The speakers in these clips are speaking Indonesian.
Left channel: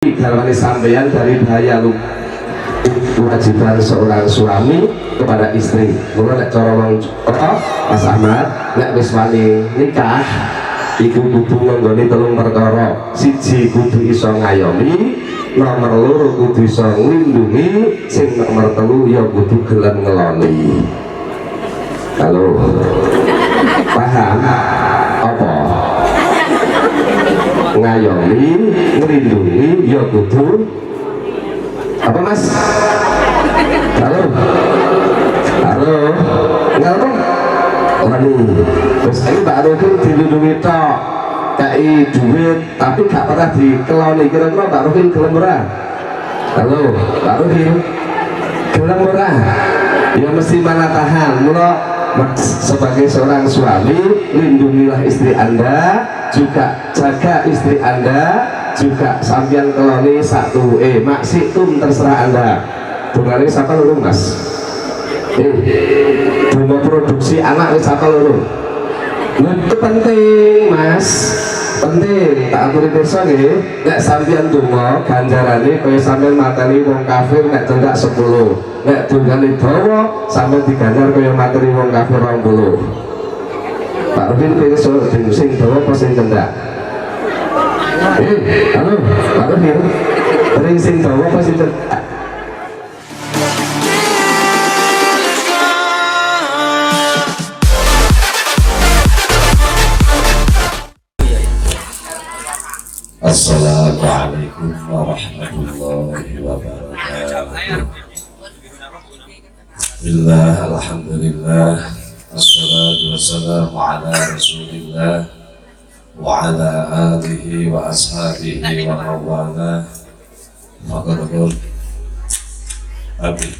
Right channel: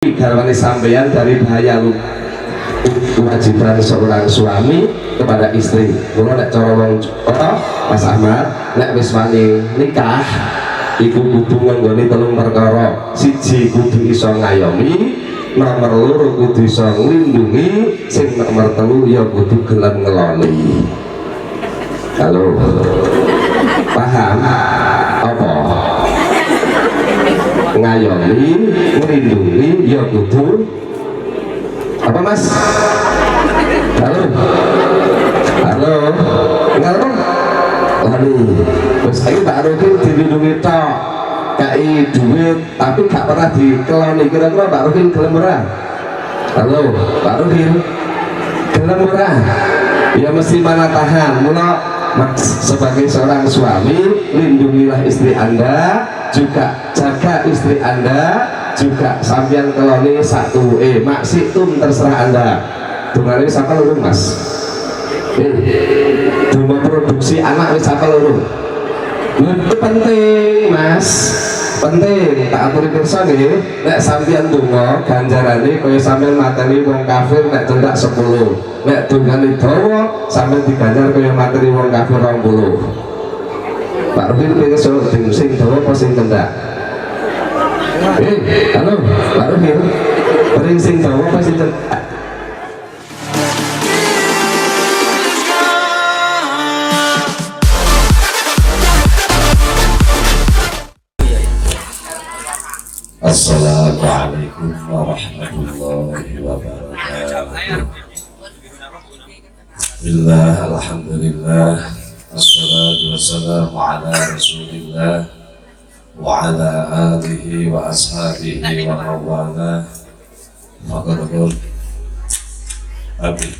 Garwane sampeyan dari bahaya lu kewajiban seorang suami kepada istri. Mula nek cara wong Mas Ahmad nek wis wani nikah iku kudu nggone telung perkara. Siji kudu iso ngayomi, nomor loro kudu iso nglindungi, sing nomor telu ya kudu gelem ngeloni. Halo. Paham apa? Ngayomi, ngelindungi, ya kudu apa Mas? Halo, halo, enggak apa? Wani, terus ini Mbak Rohim dilindungi tok, kayak duit, tapi gak pernah dikeloni. Kira-kira Mbak Rohim gelem ora? Halo, Mbak Rohim, gelem ora? Ya mesti mana tahan. Mula sebagai seorang suami, lindungilah istri Anda, juga jaga istri Anda, juga sambian keloni satu maksitum terserah Anda. Bunga ini siapa lho Mas? Bunga produksi anak ini siapa lho? Itu penting Mas, penting. Tak aturi desa nggih, nek sambian donga ganjarane kaya sampean mateni wong kafir nek cendak 10. Nek dongane dawa sampean diganjar kaya materi wong kafir 20. Pak Rufin pengen sing dawa apa sing cendak? Halo, Pak Rufin, pengen sing dawa apa sing cendak? Assalamualaikum warahmatullahi wabarakatuh. Bismillah, alhamdulillah, wassalatu wassalamu ala rasulillah wa ala alihi wa ashabihi wa mawala. Faqadul Amin.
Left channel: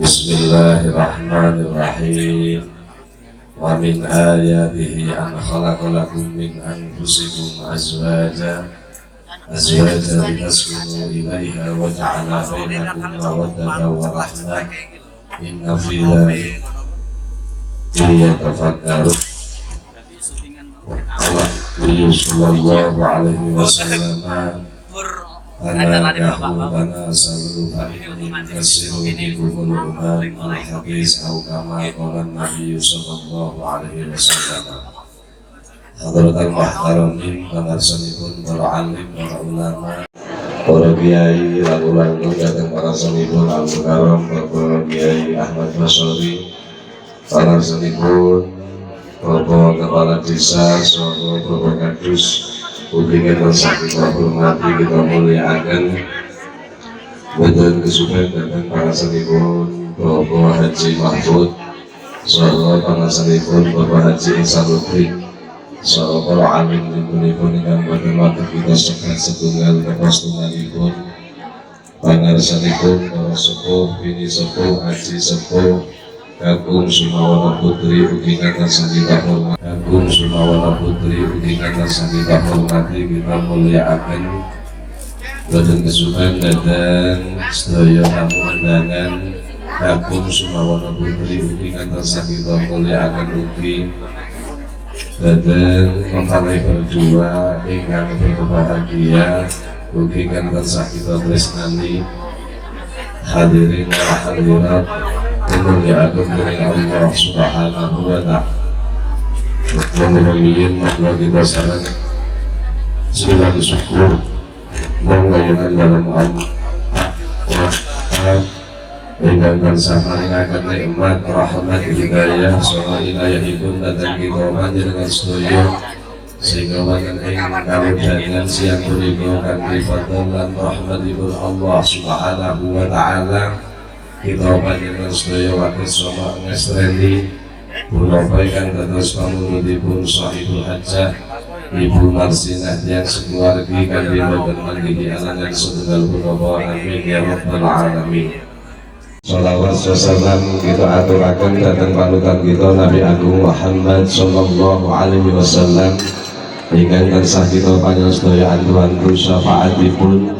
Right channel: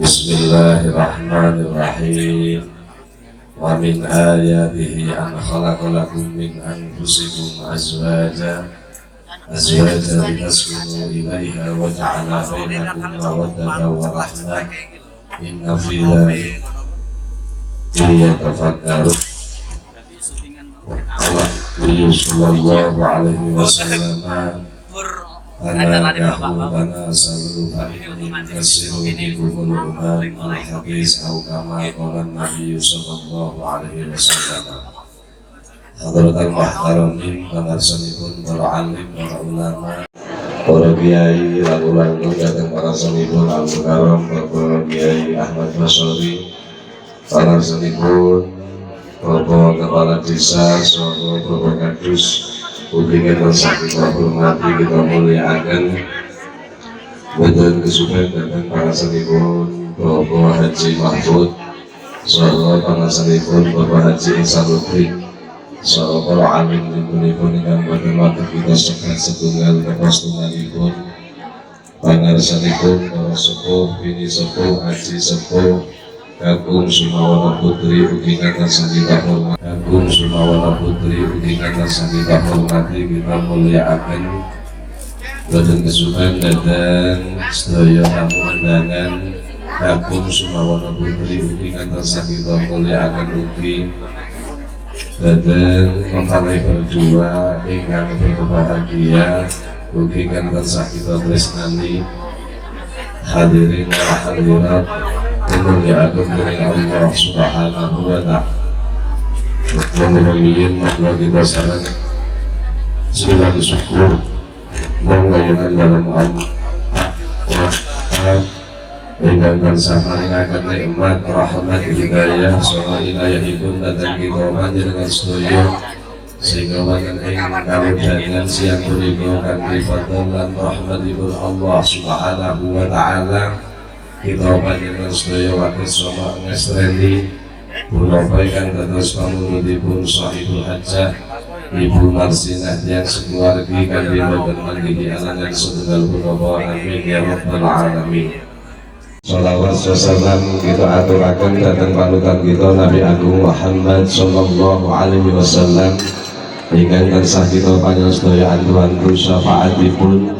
Bismillahirrahmanirrahim. Wa min ayatihi an khalaqa lakum min anfusikum azwajan litaskunu ilaiha wa ja'ala bainakum mawaddatan wa rahmah. Inna fi dzalika liyatafakkaru. Nabi sallallahu alaihi wasallam ana salu kasiru bikumul umam al-hadis au kama qala Nabi sallallahu alaihi wasallam. Hadratul muhtaramin pangarsanipun para alim, para ulama, para kiai, lalu datang para sanipun al-mukarram Bapak Kiai Ahmad Basori, pangarsanipun Bapak Kepala Desa, saha Bapak Kadus. Hubungan rasa kita hormati, kita muliakan. Betul kesukaan datang para sanipun Bapak Haji Mahfud, saha pangarsanipun Bapak Haji Isanuddin, saha para alim dipun ingkang boten wonten kita sekat setunggal kepastumanipun. Pangarsanipun para sepuh, bini sepuh, haji sepuh, kagum sumawana putri ugi kata kita hormati, kagum sumawana putri ugi kata kita hormati, kita muliakan. Boten kesukaan datang sedaya tamu undangan, kagum sumawana putri ugi kata kita muliakan ugi datang mempelai berdua ingkang berbahagia ugi kata kita tresnani. Hadirin wa hadirat dimuliakan oleh Allah Subhanahu wa ta'ala. Mudah-mudahan maka kita saran segala syukur mengayonan dalam Allah dengan sampaikan nikmat rahmat hidayah soal hidayahipun datang kita panjenengan sedaya sehingga wonten ing kawudanan siang punika kanthi fadl lan rahmatipun Allah Subhanahu wa ta'ala kita panjenengan sedaya wakil sama ngestreni menyampaikan terus pamulipun sahibul hajjah Ibu Marsinah yang sekeluargi kanthi boten manggihi alangan setunggal punapa. Amin ya rabbal alamin. Shalawat salam kita aturaken dhateng panutan kita Nabi Agung Muhammad sallallahu alaihi wasallam ingkang tansah kita panjenengan antu-antu syafaatipun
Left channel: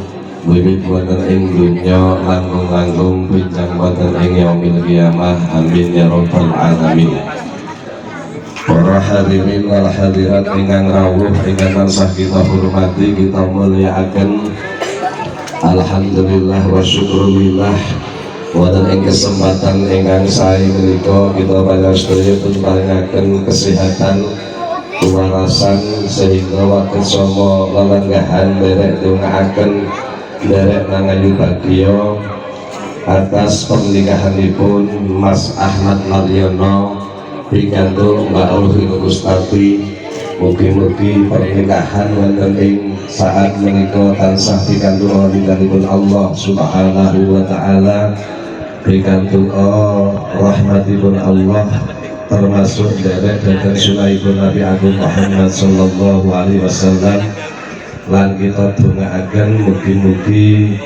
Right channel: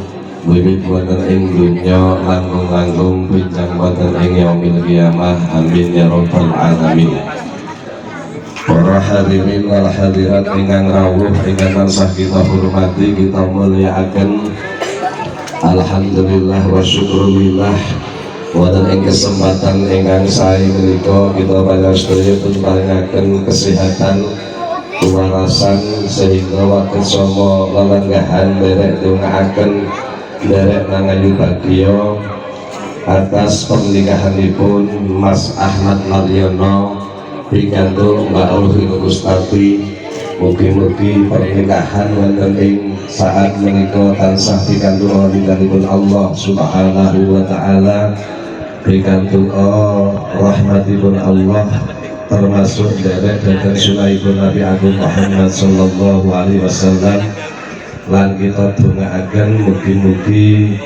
wiwit wonten ing dunya langkung-langkung pinjang wonten ing yaumil qiyamah. Amin ya rabbal alamin. para hadirin wal hadirat ingkang rawuh ingkang tansah kita hormati kita mulyakaken. Alhamdulillah wa syukurillah wonten ing kesempatan ingkang sae menika kita panjenengan pun paringaken kesehatan kewarasan sehingga wates sama lelenggahan derek dongaaken derek nangayu bagya atas pernikahanipun Mas Ahmad Mariono pikantuk Mbak Ulfi Gustati. Mugi-mugi pernikahan wonten ing saat menika tansah pikantuk ridhanipun Allah Subhanahu wa taala, pikantuk rahmatipun Allah, termasuk derek dan sunahipun Nabi Agung Muhammad sallallahu alaihi wasallam. Lan kita dongaaken mugi-mugi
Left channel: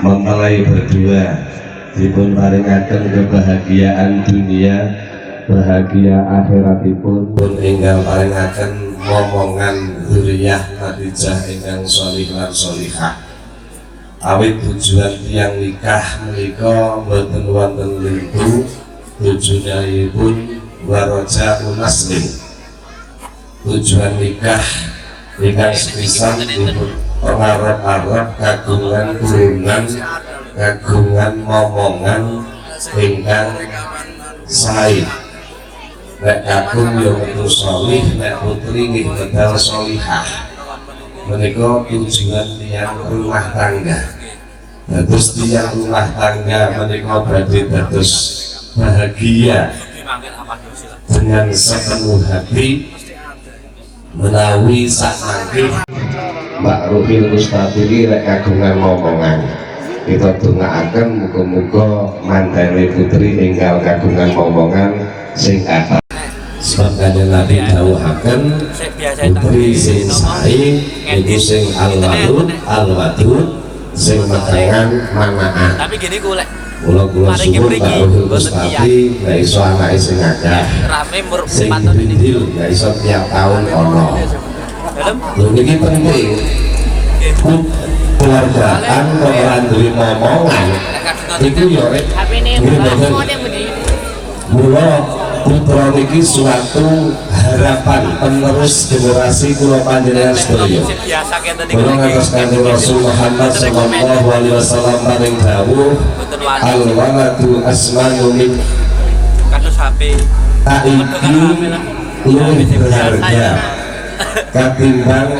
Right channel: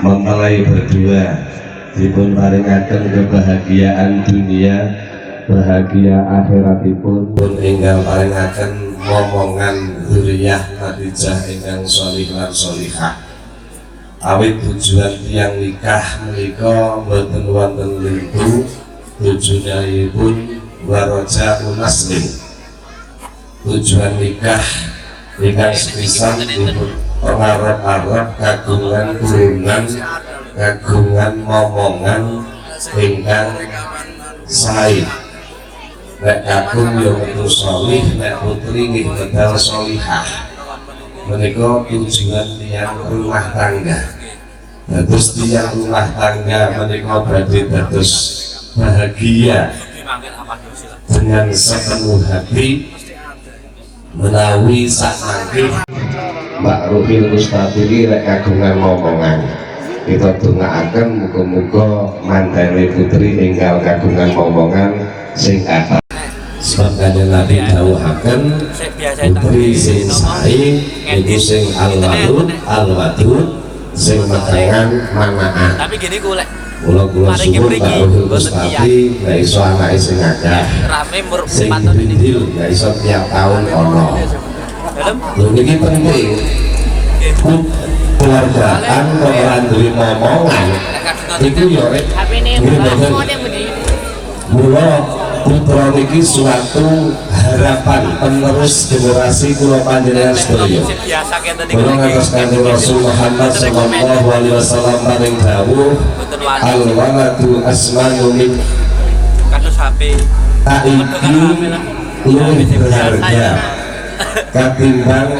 mempelai berdua dipun paringaken kebahagiaan dunia, bahagia akhiratipun, pun ingkang paringaken momongan dzurriyyah natijah ingkang sholih lan sholihah. Awit tujuan tiyang nikah menika boten wonten lintu, tujuanipun waraja unaslim. Tujuan nikah ingkang sepisan dipun pengarep-arep kagungan turunan, kagungan momongan ingkang sae. Nek kakung yo metu sholih, nek putri nggih medal sholihah. Menika tujuan tiyang rumah tangga. Dados tiyang rumah tangga menika badhe dados bahagia dengan sepenuh hati menawi sakmangke Mbak Ruhil Gustati rek kagungan momongan. Kita dongaaken muga-muga mandane putri enggal kagungan momongan sing kathah. Sebab kanjeng Nabi dawuhaken putri sing sae iku sing alwadud sing metengan manaan. Tapi gini ku lek Kula suwun Mbak Ruhil Gustati nek iso anake sing akeh. rame mur Sing paton ini. dindil nek iso tiap taun ana. Dalam Lho niki penting. Keluargaan ora duwe momongan iku yo rek mula putra niki suatu harapan penerus generasi kula panjenengan sedaya. biasa kene Kula ngantos kanjeng Rasul Muhammad sallallahu alaihi wasallam paring dawuh al waladu asmanu min kasus HP. taiki luwih berharga katimbang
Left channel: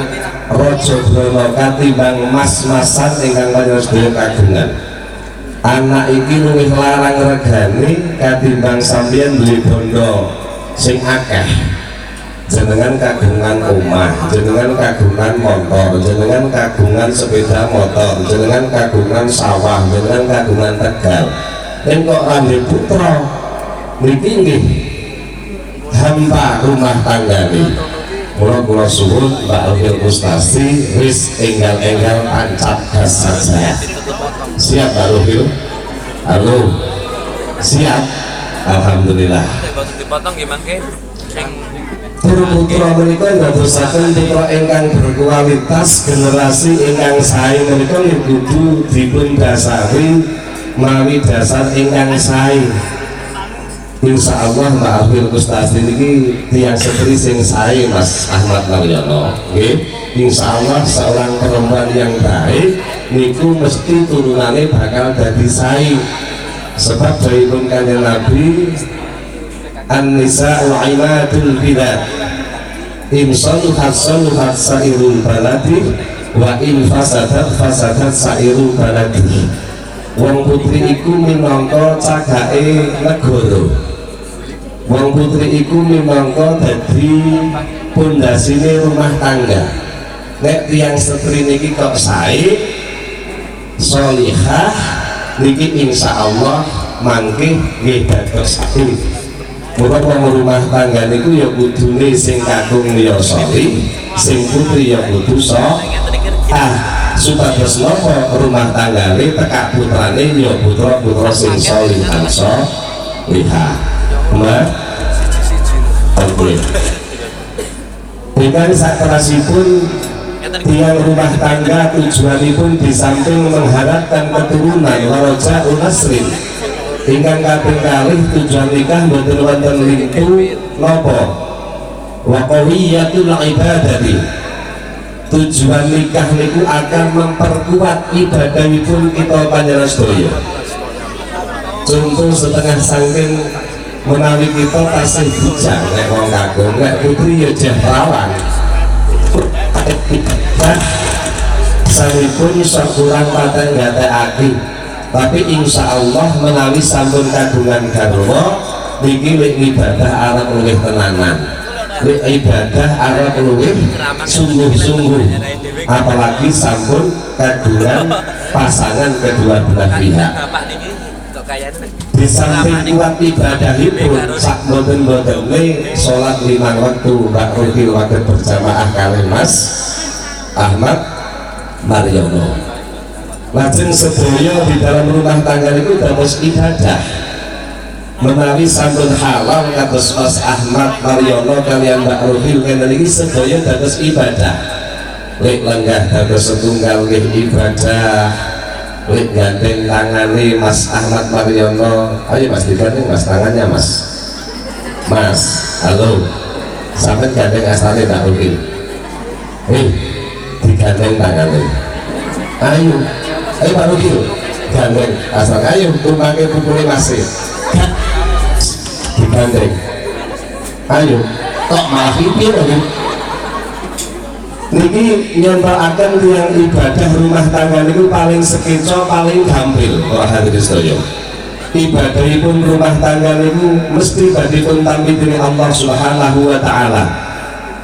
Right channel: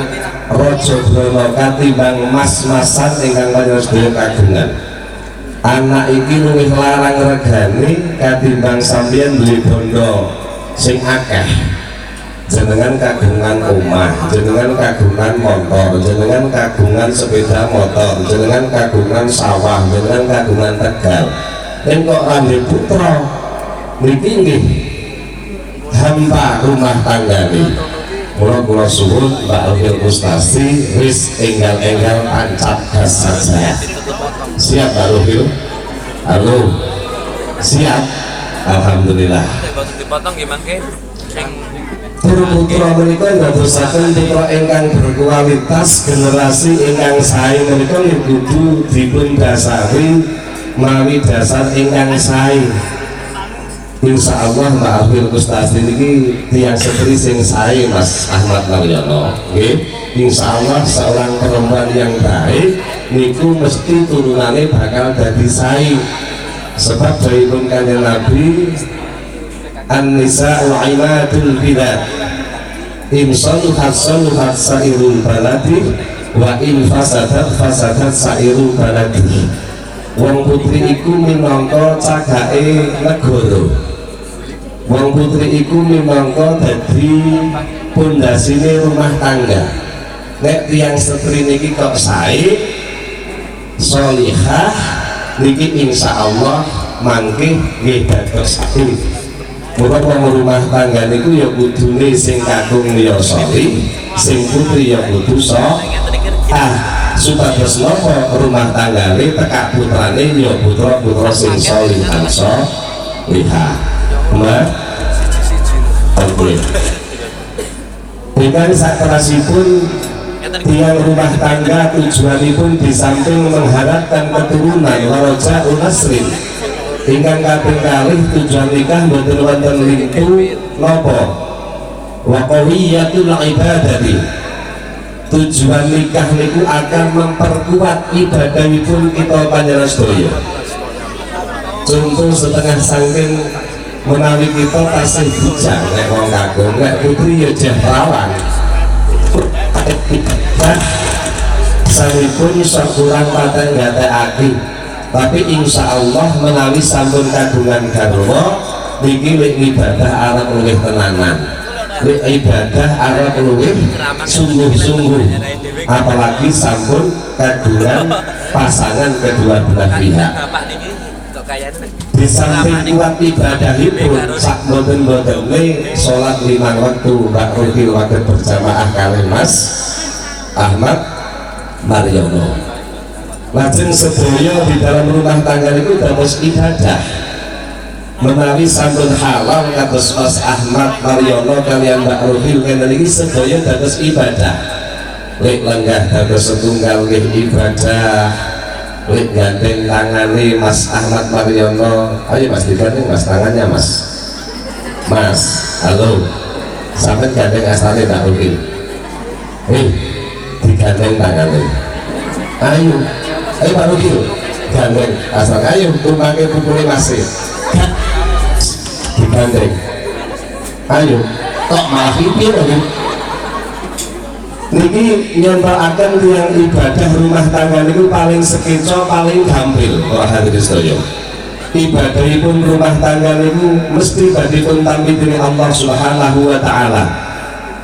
raja brana, katimbang mas-masan ingkang panjenengan sedaya kagungan. Anak iki luwih larang regane katimbang sampeyan duwe bondo sing akeh. Jenengan kagungan omah, jenengan kagungan motor, jenengan kagungan sepeda motor, jenengan kagungan sawah, jenengan kagungan tegal. Yen kok rame putra niki nggih hampa rumah tanggane. Kula suwun Mbak Ruhil Gustati wis enggal-enggal tancap gas saja. Siap Mbak Ruhil? Halo. Siap. Alhamdulillah. Dipotong gimana ke? Sing Putra menika ndadosaken putra ingkang berkualitas, generasi ingkang sae menika kudu dipun dasari mawi dasar ingkang sae. Insya Allah Mbak Ruhil Gustati niki tiyang setri sing sae Mas Ahmad Mariono. Nggih, insya Allah seorang perempuan yang baik niku mesti turunannya bakal dadi sae. Sebab dawuhipun kanjeng Nabi an-nisa'u imadul bilad in saluhat saluhat sairul baladi wa in fasadat fasadat sairul baladi. Wong putri iku minangka cagake negara. Wong putri iku minangka dadi pondasine rumah tangga. Nek tiyang setri niki kok sae sholihah niki insyaallah mangke nggih dados sae. Mula wong rumah tangga niku ya kudune sing kakung ya sholih, sing putri ya kudu supados napa rumah tanggane tekak putrane ya putra-putra sing sholih lan sholihah. Mbak oke. Dengan sakrasipun tiang rumah tangga tujuanipun di samping mengharapkan keturunan waraja unasrin ingkang kaping kalih tujuan nikah boten wonten lintu napa wa qawiyatul ibadati. Tujuan nikah niku akan memperkuat ibadahipun kita panjenengan sedaya. Contoh setengah saking menawi kita tasih bujang nek wong kagum, nek putri ya jah perawan. Sanipun iso kurang paten gatekake, tapi insya Allah menawi sampun kagungan garwa niki lek ibadah arep luwih tenanan, lek ibadah arep luwih sungguh-sungguh, apalagi sampun kagungan pasangan kedua belah pihak. Bapak niki kok kayane Di samping kuat ibadahipun sak boten-botene salat 5 waktu Mbak Ruhil waktu berjamaah kali Mas Ahmad Mariono. Lajeng sedaya di dalam rumah tangga itu dados ibadah. Menawi sampun halal kados Mas Ahmad Mariono kalian Mbak Ruhil kene iki sedaya dados ibadah. Lek lenggah dados setunggal nggih ibadah. Lek gandeng tangane Mas Ahmad Mariono, ayo Mas digandeng Mas tangannya Mas. Mas, halo. Sampai gandeng asale tak Ruhil. Digandeng tangannya. Ayo Pak Ruhil, gandeng asal ayo tumpake pukule masih. Digandeng. Ayo, kok malah pipir lho. Niki nyontokaken tiyang ibadah rumah tangga niku paling sekeco paling gampil ora hadirin sedaya. Ibadahipun rumah tangga niku mesti badipun tampi dening Allah Subhanahu wa taala.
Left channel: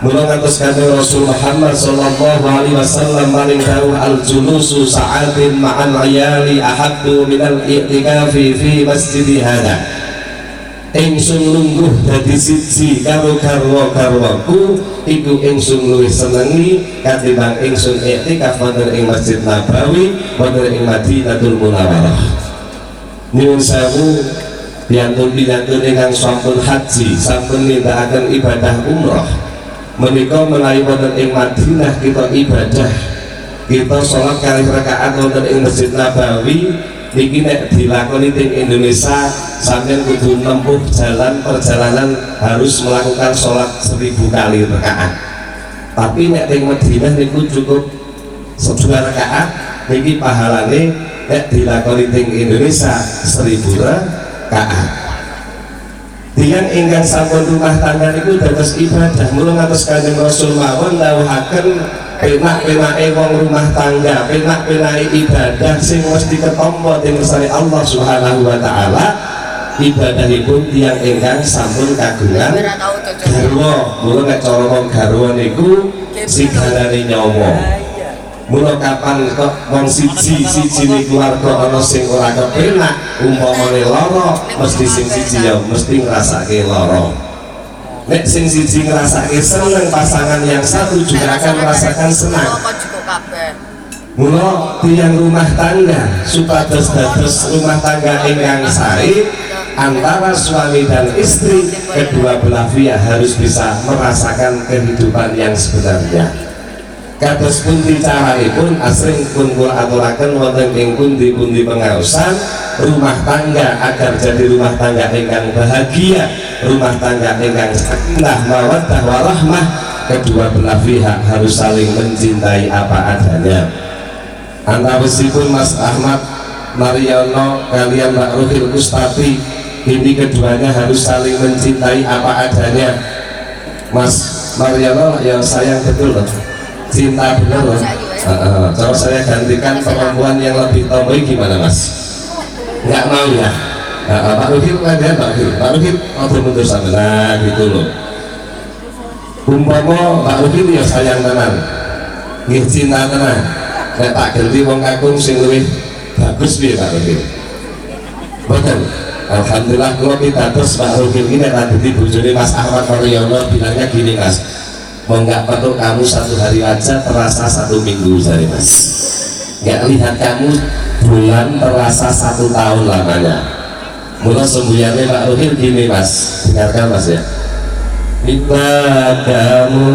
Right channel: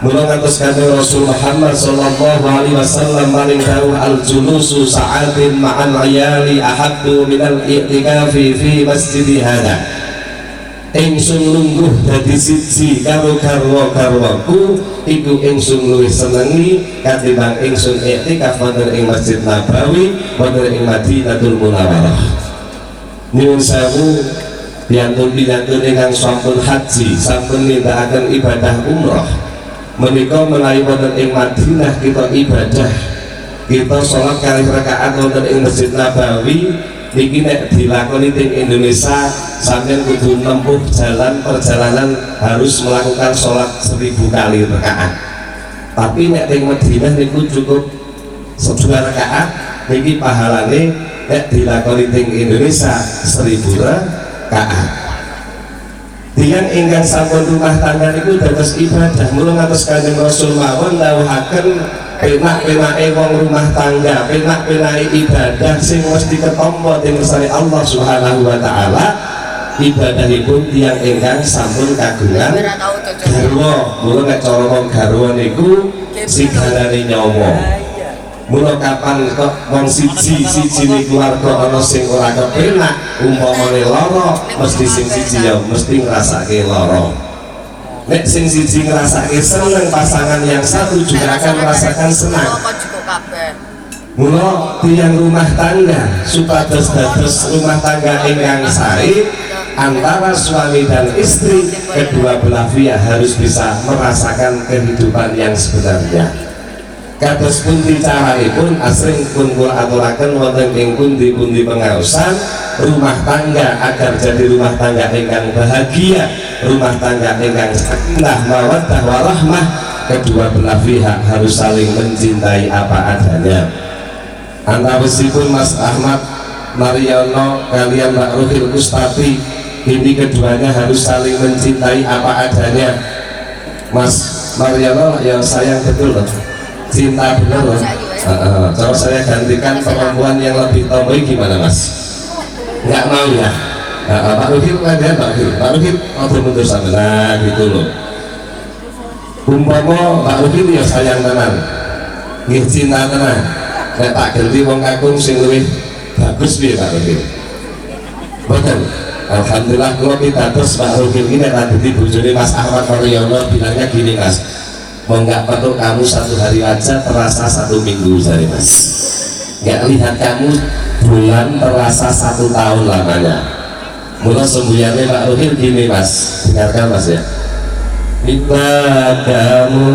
Mula ngatos kanjeng Rasul Muhammad sallallahu alaihi wasallam paling dawuh al-julusu sa'atin ma'al ayali ahabbu minal i'tikafi fi masjidi hada. Ingsun lungguh dadi siji karo garwa-garwaku iku ingsun luwih senengi katimbang ingsun iktikaf wonten ing Masjid Nabawi wonten ing Madinatul Munawwarah. Nyuwun sewu piyantun-piyantun ingkang sampun haji sampun nindakaken ibadah umrah menika menawi wonten ing Madinah kita ibadah kita sholat kali rakaat wonten ing Masjid Nabawi niki nek dilakoni ting Indonesia sampeyan kudu nempuh perjalanan harus melakukan sholat 1000 kali rakaat. Tapi nek ting Madinah niku cukup 2 rakaat niki pahalane nek dilakoni ting Indonesia 1000 rakaat. Tiyang ingkang sampun rumah tangga niku dados ibadah mula ngatos Kanjeng Rasul mawon dawuhaken penak-penake wong rumah tangga, penak-penake ibadah sing mesti ketampa dening sari Allah Subhanahu wa taala. Ibadahipun tiyang ingkang sampun kagungan garwa. Mula nek cara wong garwa niku sigarane nyawa. Mula kapan kok wong siji ni keluarga ana sing ora kepenak, umpamane lara, mesti sing siji ya mesti ngrasake lara. Nek sing siji ngrasake seneng, pasangan yang satu juga akan merasakan senang. Mula tiyang rumah tangga supados dados rumah tangga ingkang sae antara suami dan istri, kedua belah pihak harus bisa merasakan kehidupan yang sebenarnya. Kados pundi carane asring pun kula aturaken wonten ing pundi-pundi pengaosan rumah tangga agar jadi rumah tangga ingkang bahagia, rumah tangga ingkang sakinah mawaddah warahmah, kedua belah pihak harus saling mencintai apa adanya. Antawisipun Mas Ahmad Mariono kalian Mbak Ruhil Kustati, ini keduanya harus saling mencintai apa adanya. Mas Mariono ya sayang betul loh, cinta bener loh. Kalau saya gantikan perempuan yang lebih tomboy gimana Mas? Nggak mau ya? Pak Ruhil kan ya Pak Ruhil mau mundur sama nah gitu loh. Umpama Pak Ruhil ya sayang tenan, nggih cinta tenan. Nek tak ganti wong kakung sing luwih bagus piye Pak Ruhil? Boten. Alhamdulillah kula pitados Pak Ruhil ini nek dadi bojone Mas Ahmad Mariono bilangnya gini Mas. Mau nggak perlu kamu 1 hari aja terasa 1 minggu dari Mas. Nggak lihat kamu bulan terasa 1 tahun lamanya. Mula sembuyannya Pak Ruhil gini Mas, dengarkan Mas ya. Bila kamu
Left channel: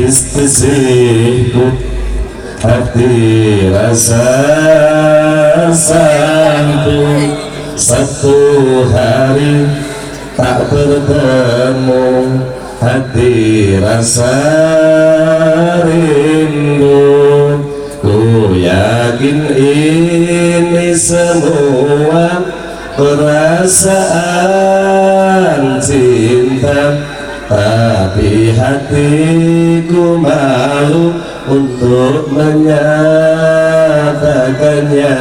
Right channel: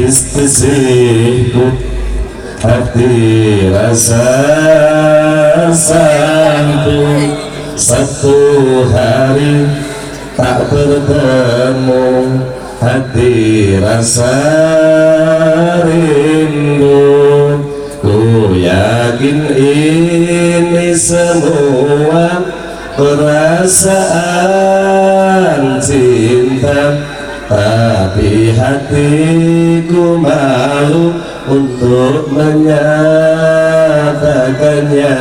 istisihku hati rasa sambung 1 hari tak bertemu hati rasa rindu. Ku yakin ini semua perasaan cinta, tapi hatiku malu untuk menyatakannya.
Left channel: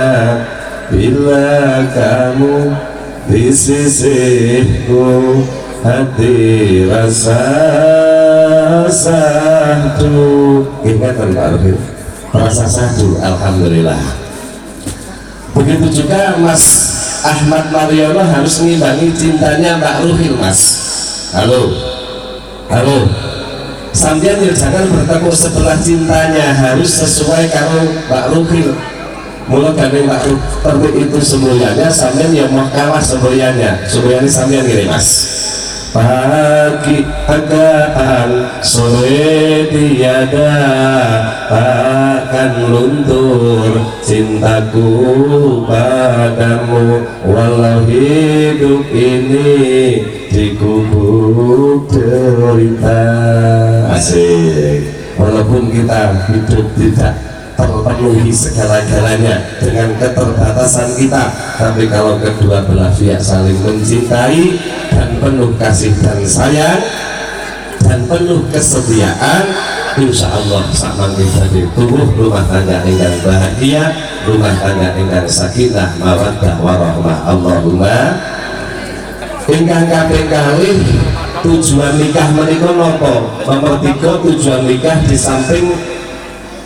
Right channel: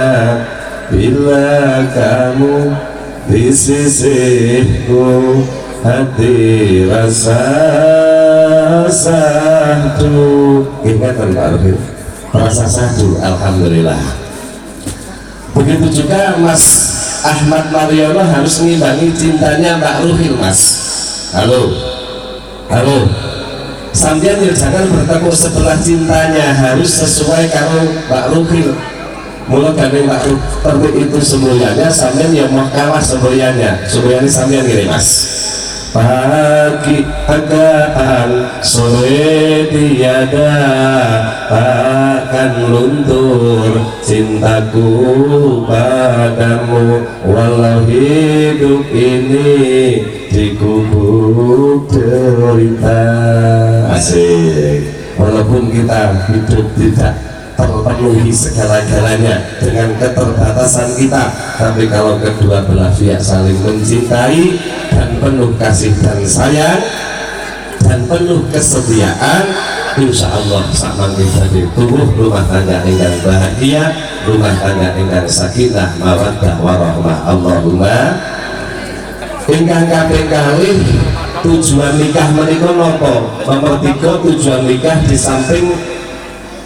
Bila kamu di sisiku, hati rasa satu. Ingat Pak Arifin, rasa satu, alhamdulillah. Begitu juga Mas Ahmad Mariono harus ngimbangi cintanya Mbak Ruhil, Mas. Halo, halo. Sampeyan ya jangan bertepuk sebelah cintanya, harus sesuai karo Mbak Ruhil. Mula gandeng Mbak Ruhil itu semuanya, sampeyan ya mau kalah semuanya sampeyan gini, Mas. Pagi akan sore tiada akan luntur cintaku padamu, walau hidup ini dikubur derita. Asik. Walaupun kita hidup tidak terpenuhi segala-galanya dengan keterbatasan kita, tapi kalau kedua belah pihak saling mencintai dan penuh kasih dan sayang dan penuh kesetiaan, insya Allah sama kita tumbuh rumah tangga ingkang bahagia, rumah tangga ingkang sakinah mawaddah warahmah. Allahumma. Ingkang kaping kalih tujuan nikah menika napa? Nomor 3, tujuan nikah di samping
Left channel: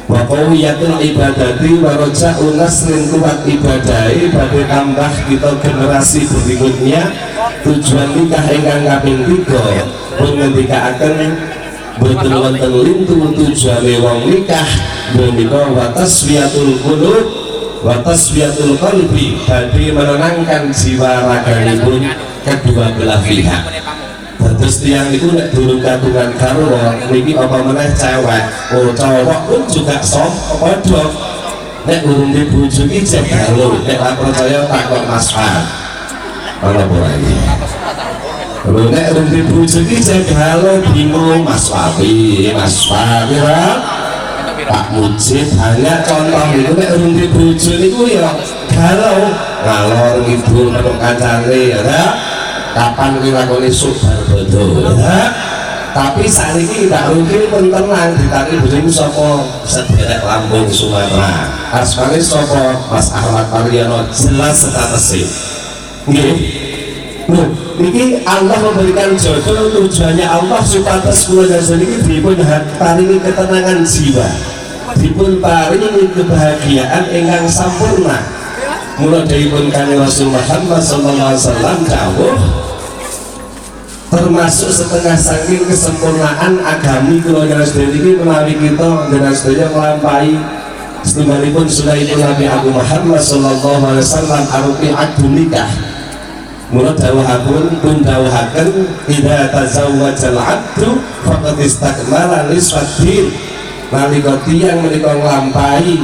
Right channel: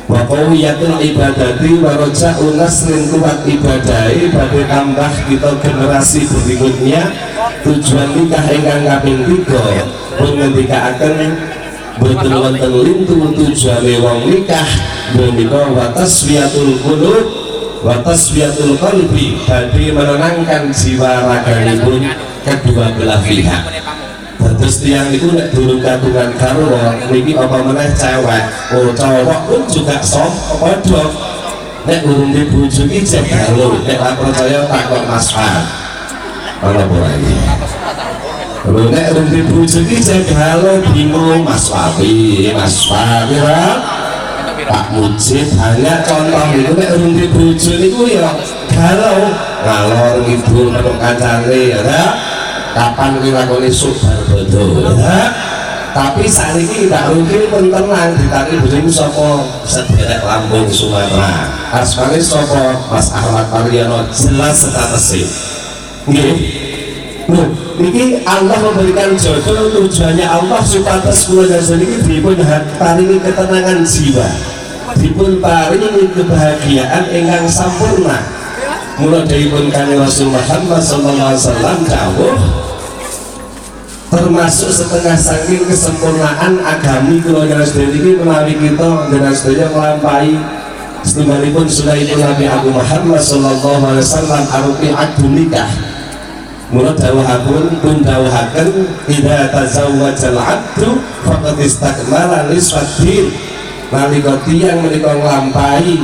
wakowiyatul ibadati waroja unasrin kuat ibadai badai tambah kita generasi berikutnya. Tujuan nikah ingkang kaping 3 pun ngendikaaken boten wonten lintu tujuane wong nikah menika wa tasfiyatul qulub wa tasfiyatul qalbi, badhe menenangkan jiwa raganipun kedua belah pihak. Terus tiang itu nek durung kagungan karo niki apa meneh cewek, cowok pun juga sok padha. Nek urung dibojo iki jek galuh, nek ora percaya takon Mas Fat. Ana apa iki? Lho nek urung dibojo iki jek galuh bingung Mas Wapi, Mas Wapi ra. Pak Mujib banyak contoh itu nek urung dibojo niku ya galuh, ngalor ngidul karo kancane ya. Kapan kita lakoni subar bodoh ya? Tapi saat ini tidak mungkin pun tenang ditaki berimu sopo sederek Lampung Sumatera asmane sopo Mas Ahmad Mariono jelas statusnya ini Allah memberikan jodoh, tujuannya Allah supados kula niki dipun paringi ketenangan jiwa, dipun paringi kebahagiaan ingkang sampurna. Mula dipun Kanjeng Rasul Muhammad sallallahu alaihi wasallam dawuh, termasuk setengah saking kesempurnaan agami kula jenengan iki menawi kita jenengan sedaya nglampahi setunggalipun sunahipun Nabi Agung Muhammad sallallahu alaihi wasallam arupi akad nikah. Mula dawuhipun pun dawuhaken idza tazawwajal abdu faqad istakmala nisfaddin. Nalika tiyang menika nglampahi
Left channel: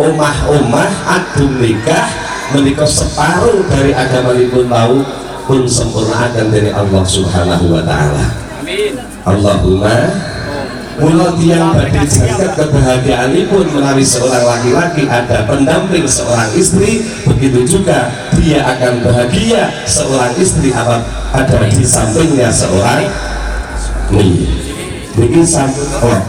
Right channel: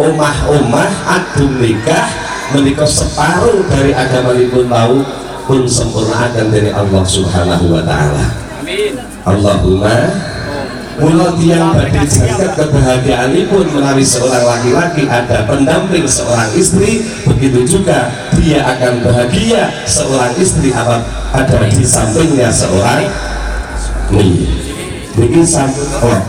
omah-omah akad nikah menika separuh dari agamanipun wau pun sempurnakan dari Allah Subhanahu wa taala. Amin. Allahumma. Mula tiyang badhe jagat kebahagiaanipun menawi seorang laki-laki ada pendamping seorang istri, begitu juga dia akan bahagia seorang istri ada di sampingnya seorang niki sampun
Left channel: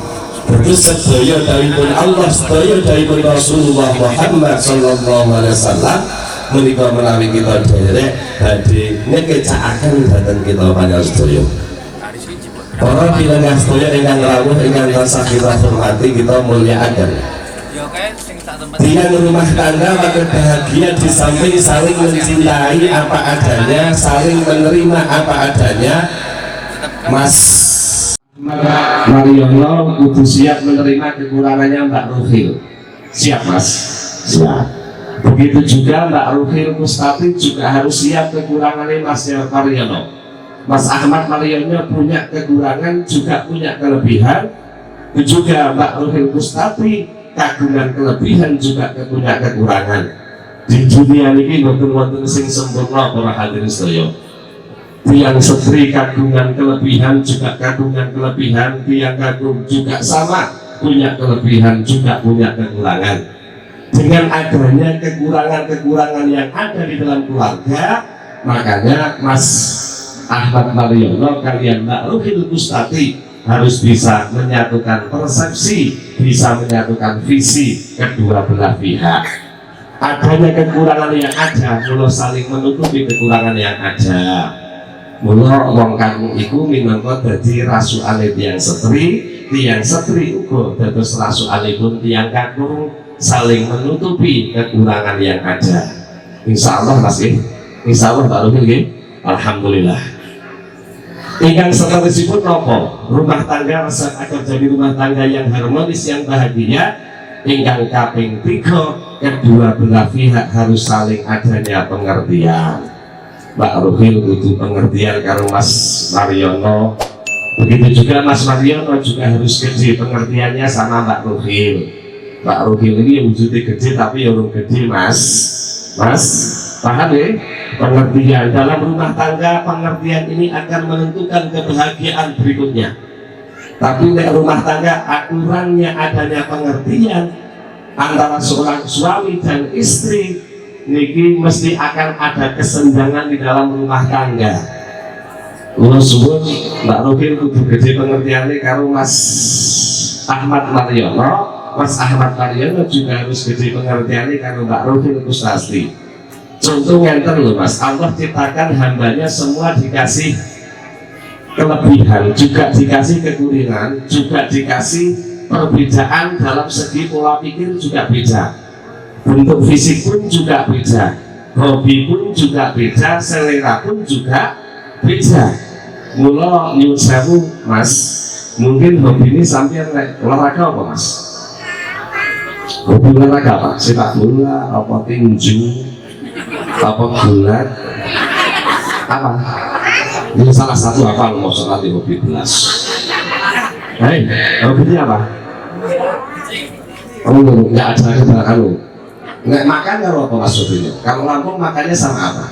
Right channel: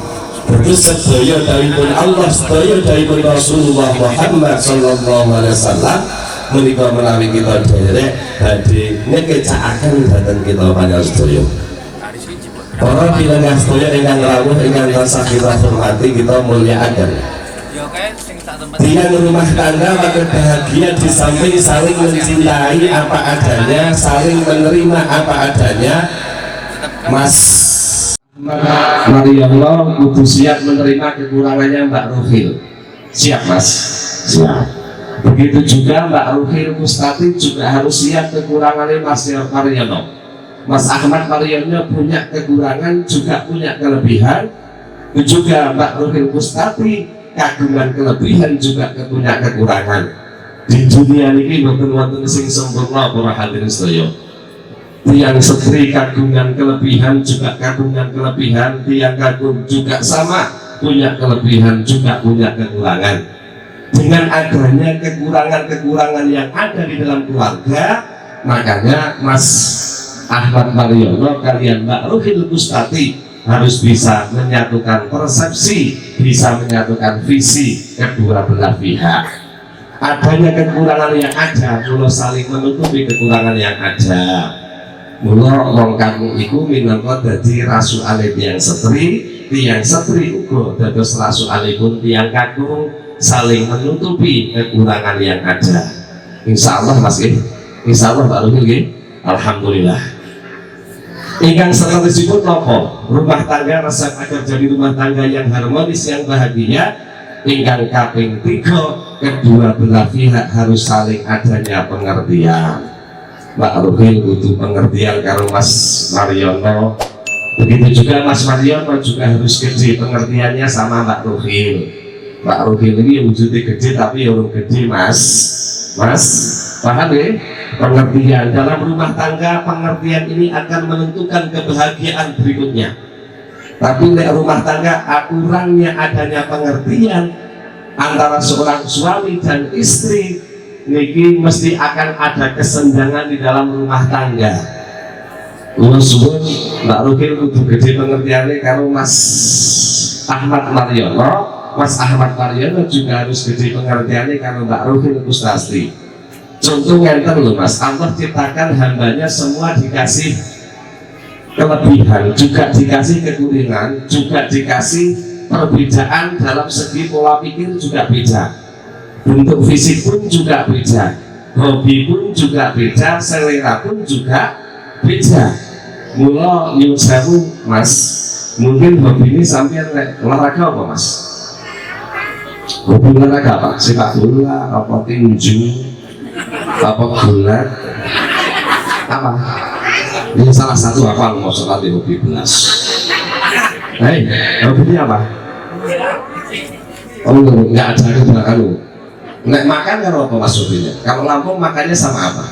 Terus sedaya dawuhipun Allah, sedaya dawuhipun Rasulullah Muhammad sallallahu alaihi wasallam menika menawi kita derek badhe ngekecakaken dhateng kita panjenengan sedaya. Para pinanggah sedaya ingkang rawuh ingkang tansah kita hormati, kita mulyakaken. Tiang rumah tangga maka bahagia di samping saling mencintai apa adanya, saling menerima apa adanya. Mas Mariono kudu siap menerima kekurangannya Mbak Ruhil. Siap Mas? Siap. Begitu juga Mbak Ruhil Mustati juga harus siap kekurangannya Mas Mariono. Mas Ahmad Mariono punya kekurangan juga punya kelebihan. Juga Mbak Ruhil Mustati kagungan kelebihan juga punya kekurangan. Di dunia ini boten wonten sing sempurna para hadirin sedaya. tiang setri kandungan kelebihan juga kandungan kelebihan, tiang kandung juga sama punya kelebihan juga punya kekurangan. Dengan adanya kekurangan-kekurangan yang ada di dalam keluarga, makanya Mas Ahmad Mariono kalian Mbak Ruhil Kustati harus bisa menyatukan persepsi, bisa menyatukan visi kedua belah pihak. Adanya kekurangan yang ada, mula saling menutupi kekurangan yang ada. Mula wong kanggo iku minangka dadi rasukane tiyang setri uga dados rasukanipun tiyang kakung saling menutupi kekurangan yang ada. Insya Allah Mas Insya Allah Pak Ruhil nggih. Alhamdulillah. Ingkang sanesipun napa? Rumah tangga resep akan jadi rumah tangga yang harmonis, yang bahagia. Ingkang kaping 3, kedua belah pihak harus saling adanya pengertian. Mbak Ruhil butuh pengertian karo Mas Mariono. Begitu juga Mas Mariono juga harus gede pengertiannya sama Mbak Ruhil. Mbak Ruhil ini wujudnya gede tapi orang gede Mas paham ya? Pengertian dalam rumah tangga, pengertian ini akan menentukan kebahagiaan berikutnya. Tapi di rumah tangga kurangnya adanya pengertian antara seorang suami dan istri, niki mesti akan ada kesenjangan di dalam rumah tangga. Kula suwun Mbak Ruhil kudu gede pengertiannya karo Mas Ahmad Mariono. Mas Ahmad Mariono juga harus gede pengertiannya karo Mbak Ruhil Kustati. Contoh ngenten loh Mas, Allah ciptakan hambanya semua dikasih kelebihan, juga dikasih kekurangan, juga dikasih perbedaan dalam segi pola pikir juga beda, bentuk fisik pun juga beda, hobi pun juga beda, selera pun juga beda. Mula nyuwun sewu Mas, mungkin hobi ini sampai olahraga apa Mas? Hobi olahraga apa? Sepak bola, apa tinju, apa gulat, apa? Ini salah satu apa mau nanti hobi belas. Hei, hobinya apa? Oh, nggak ada kebenaran lo. Nggak makan kalau apa Mas hobinya? Kalau Lampung makannya sama apa?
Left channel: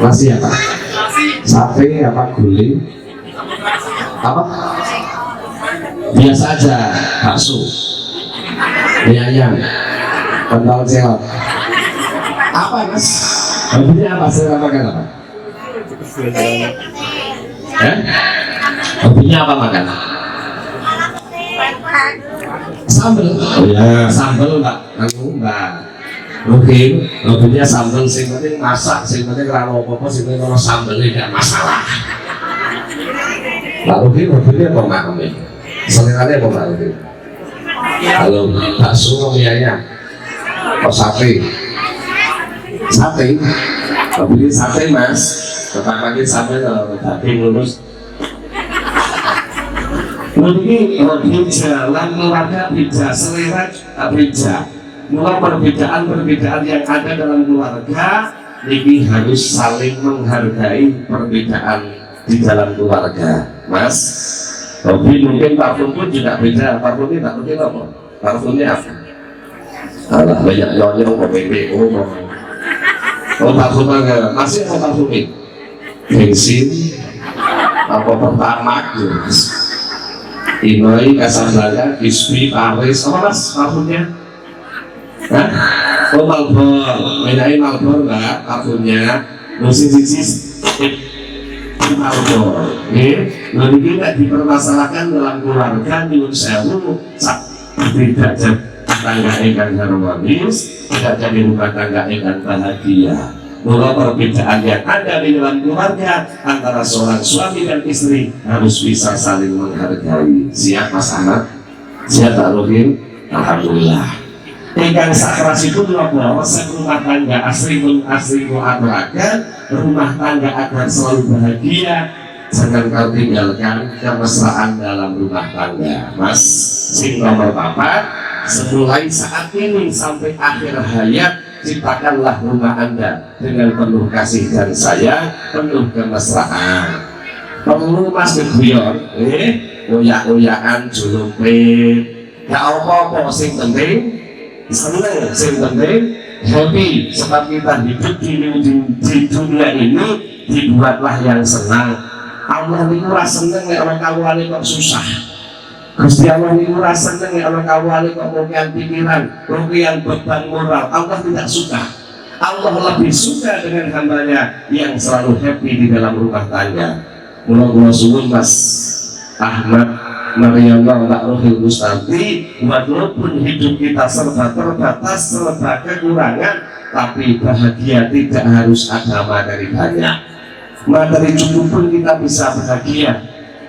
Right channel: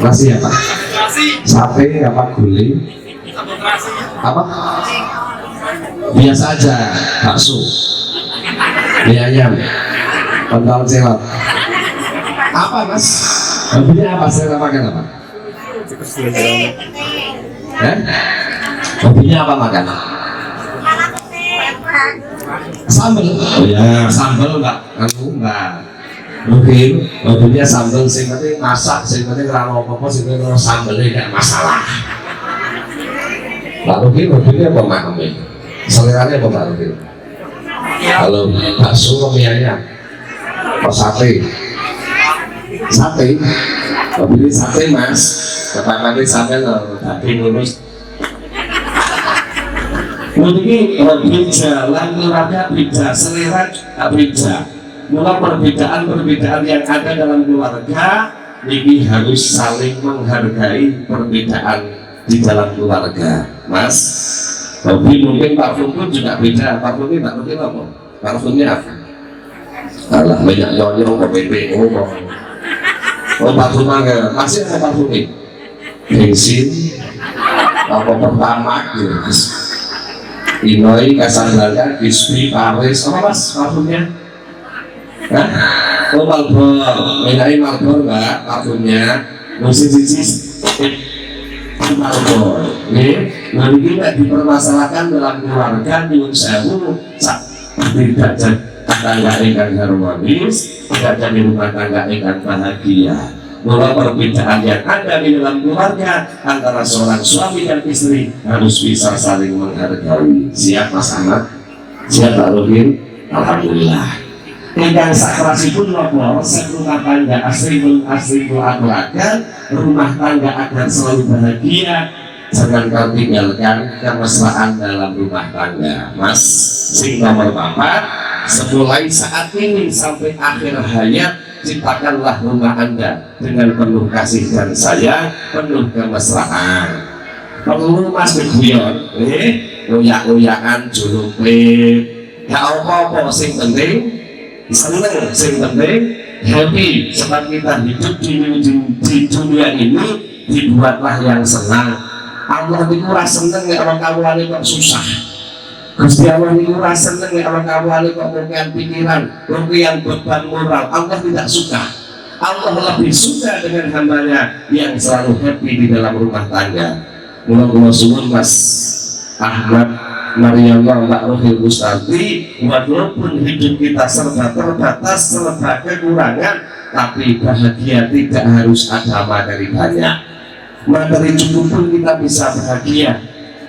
Nasi apa? Sate apa? Guling? Apa? Biasa aja, bakso, mie ayam, pentol celok. Apa Mas? Hobinya apa? Saya makan apa? Hobinya apa makan? Sambel. Oh ya, sambel Mbak. Mbak Ruhil, hobinya sambel. Sing penting masak, sing penting kalau apa-apa, sing penting kalau sambelnya tidak masalah. Mbak Ruhil hobinya apa makan? Seleranya apa Mbak Ruhil? Kalau bakso mie ayam, oh sate. Sate, beli sate Mas, pertama kita sampai kalau daging lulus. Mungkin hobi jalan keluarga beda, selera beda. Mulai perbedaan yang ada dalam keluarga, ini harus saling menghargai perbedaan di dalam keluarga, Mas. Hobi mungkin parfum pun juga beda. Parfumnya tak mungkin apa? Parfumnya apa? Alah banyak nyonyong, PPO, oh parfum enggak, masih mau parfumin bensin apa pertamax Inoi, Casablanca, Bispi, Paris, apa Mas parfumnya? Hah? Oh Marlboro, bedain Marlboro enggak parfumnya? Musisi Marlboro lalu kita dipermasalahkan dalam keluarga nyuwun sewu tidak tangga ikan harmonis, tidak jadi rumah tangga ikan bahagia. Mula perbedaan yang ada di dalam keluarga antara seorang suami dan istri harus bisa saling menghargai. Siap Mas Ahmad? Siap Pak Ruhil? Alhamdulillah. Ingkang sakrasipun napa resep rumah tangga asri aturaken rumah tangga agar selalu bahagia. Jangan kau tinggalkan kemesraan dalam rumah tangga, Mas. Sing nomor 4, semulai saat ini sampai akhir hayat, ciptakanlah rumah Anda dengan penuh kasih dan sayang, penuh kemesraan. Perlu Mas Geguyon, oyak-oyakan julupe, gak apa-apa, sing penting senang, yang penting happy. Sebab kita hidup di dunia ini dibuatlah yang senang. Allah ini rasa senang nek orang kawulane kok susah. Gusti Allah ini rasa senang nek orang kawulane kok ngokian pikiran, ngokian beban moral. Allah tidak suka. Allah lebih suka dengan hambanya yang selalu happy di dalam rumah tangga. Mula suwun Mas Ahmad Mariamah Mbak Rohil Mustafi, walaupun hidup kita serba terbatas, serba kekurangan, tapi bahagia tidak harus ada materi banyak. Materi cukup pun kita bisa bahagia.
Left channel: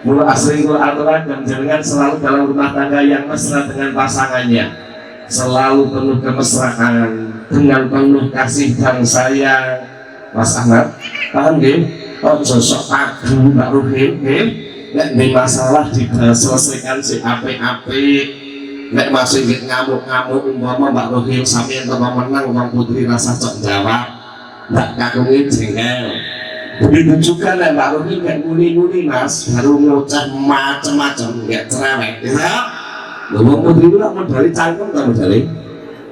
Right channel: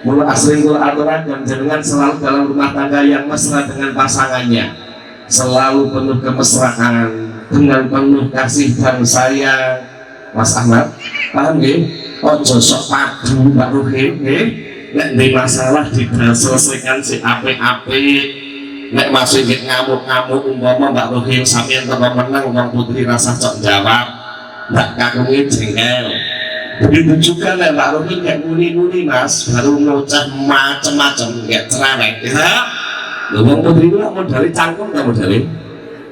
Mula asring aturan dan jenengan selalu dalam rumah tangga yang mesra dengan pasangannya, selalu penuh kemesraan, dengan penuh kasih dan sayang. Mas Ahmad, paham nggih? Ojo sok padu Mbak Rohil nggih. Nek di masalah diselesaikan si apik-apik. Nek masih ngamuk-ngamuk umpama Mbak Rohil sampeyan kok menang Bang Putri rasa cok jawab. Ndak kakungi jengkel. Begitu juga nek Mbak Rohil gak muni-muni Mas, baru ngucap macam-macam gak cerewet. Ya. Bang Putri itu nak modali cangkem ta modali.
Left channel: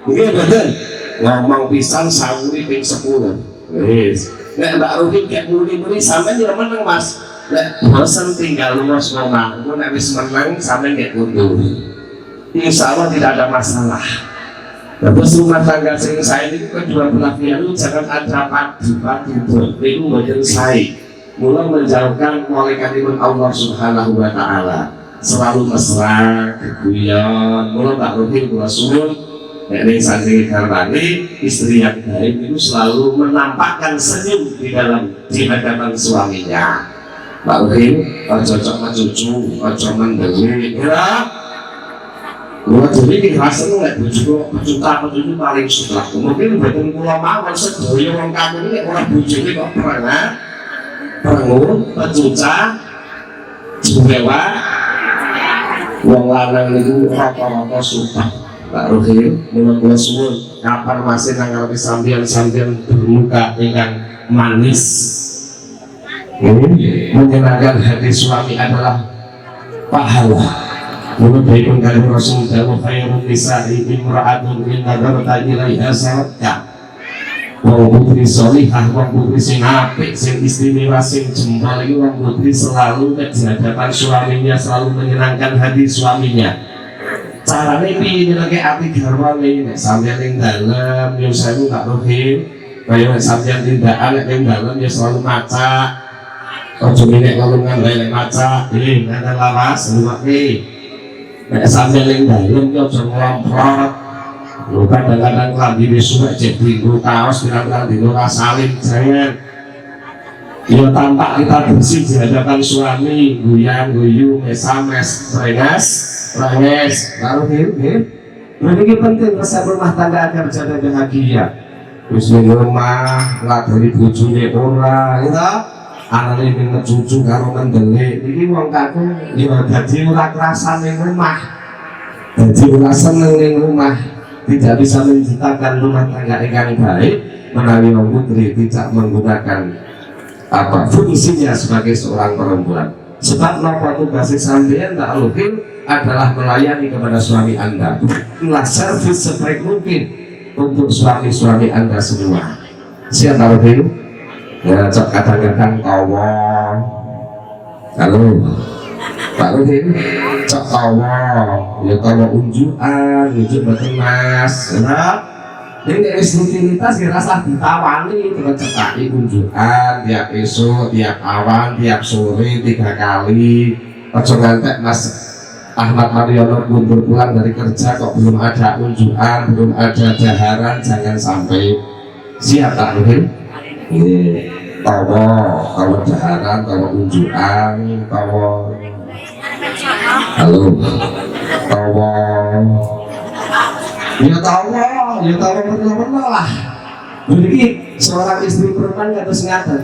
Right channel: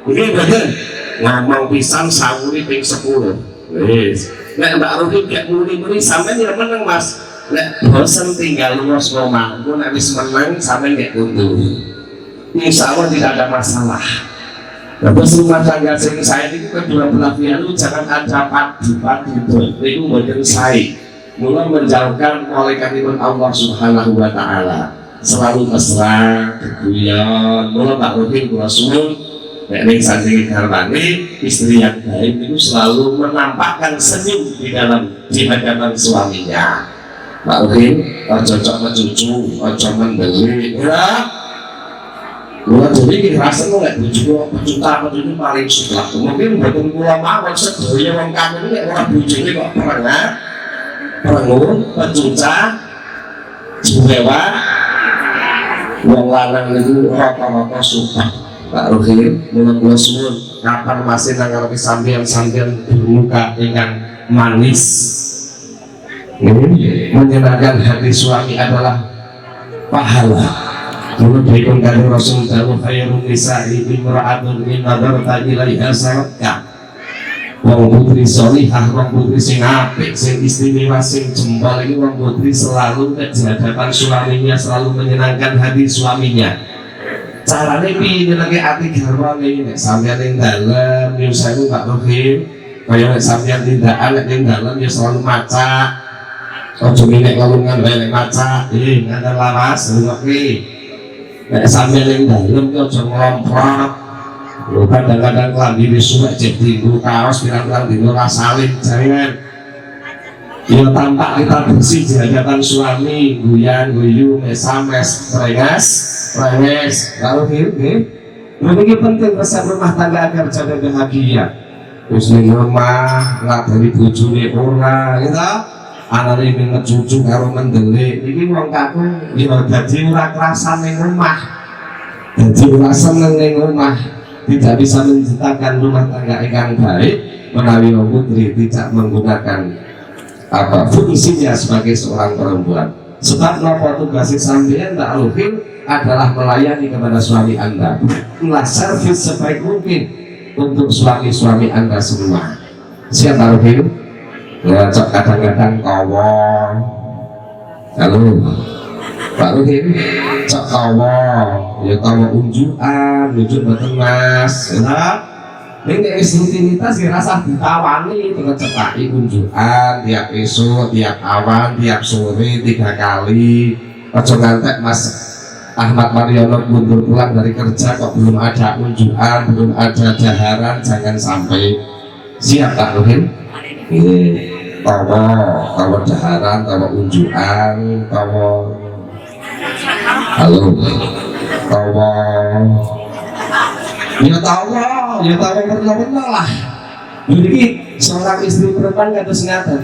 Nggih betul. Ngomong pisan sawuri ping 10. Wis. Nek Mbak Rohil gak muni-muni sampeyan yo menang Mas. Nek bosan tinggal luas ngomong, aku nek wis menang sampe nggak mundur. Insya Allah tidak ada masalah. Terus rumah tangga sing saya ini kedua belah pihak itu jangan ada padu-padu itu bagian saya. Mulai menjauhkan malaikat Allah Subhanahu Wa Taala. Selalu mesra, keguyon. Mulai Mbak Rohil kula suwun, nek saking garwane istri yang baik itu selalu menampakkan senyum di hadapan suaminya. Mbak Rohil, ojo cocok mencucu, ojo mendelik, ya. Gua jadi dirasain nggak bujuk paling suka. Mungkin betul pulau mawon sedoyo orang kamu ini orang bujuk ini kok pernah, perengur, pecuca, jumewa, wong lanang itu rata-rata suka. Mbak Rohil, menurut gua suwun, kapan masih nanggapi sambian bermuka dengan manis. Menyenangkan hati suami adalah pahala. Menurut Ibn Karim Rasul Dawa khairun nisa'i imra'atun in nadarta ilaiha sarakka. Wong putri solihah, wong putri sing apik, sing istimewa, sing jempol iki wong putri selalu di hadapan suaminya, selalu menyenangkan hati suaminya. Carane piye nyenengke ati garwane? Nek sampeyan ning dalem yo sewu Mbak Rohil, kaya nek sampeyan tindakan nek ning dalem ya selalu maca. Ojo minek ngomong lek maca, nganten lawas luwake. Nek sampeyan ning dalem yo aja nglomprot. Lho kadang-kadang klambi wis suwek cek dinggo kaos pirang-pirang dino ra salin jangan. Yo tampak kita bersih di hadapan suami, guyang-guyu, mesames, renges, baru nggih. Ini penting resep rumah tangga agar jadi bahagia. Wis ning rumah ngadoni bojone ora, ya. Anane ping cucu karo mendelik iki wong kakung ya dadi ora kerasan ning rumah. Dadi ora seneng ning rumah, tidak bisa menciptakan rumah tangga yang baik menawi wong putri tidak menggunakan fungsinya sebagai seorang perempuan. Sebab napa tugas sampeyan tak Rohil adalah melayani kepada suami Anda. Inilah servis sebaik mungkin untuk suami-suami Anda semua. Siapa Rohil? Ya, cok kadang-kadang kawa. Halo, Pak Rohil, cok kawa. Ya kawa unjukan, unjuk betul Mas. Ya, ini rutinitas ya rasa ditawani dengan cekaki unjukan tiap esok, tiap awan, tiap sore 3 kali. Ojo ngantek Mas Ahmad Mariono mundur pulang dari kerja kok belum ada unjukan, belum ada daharan, jangan sampai. Siap Pak Rohil? Kalau daharan, kalau unjukan, kalau halo, ya pernah lah. Jadi seorang istri perempuan harus ngaten.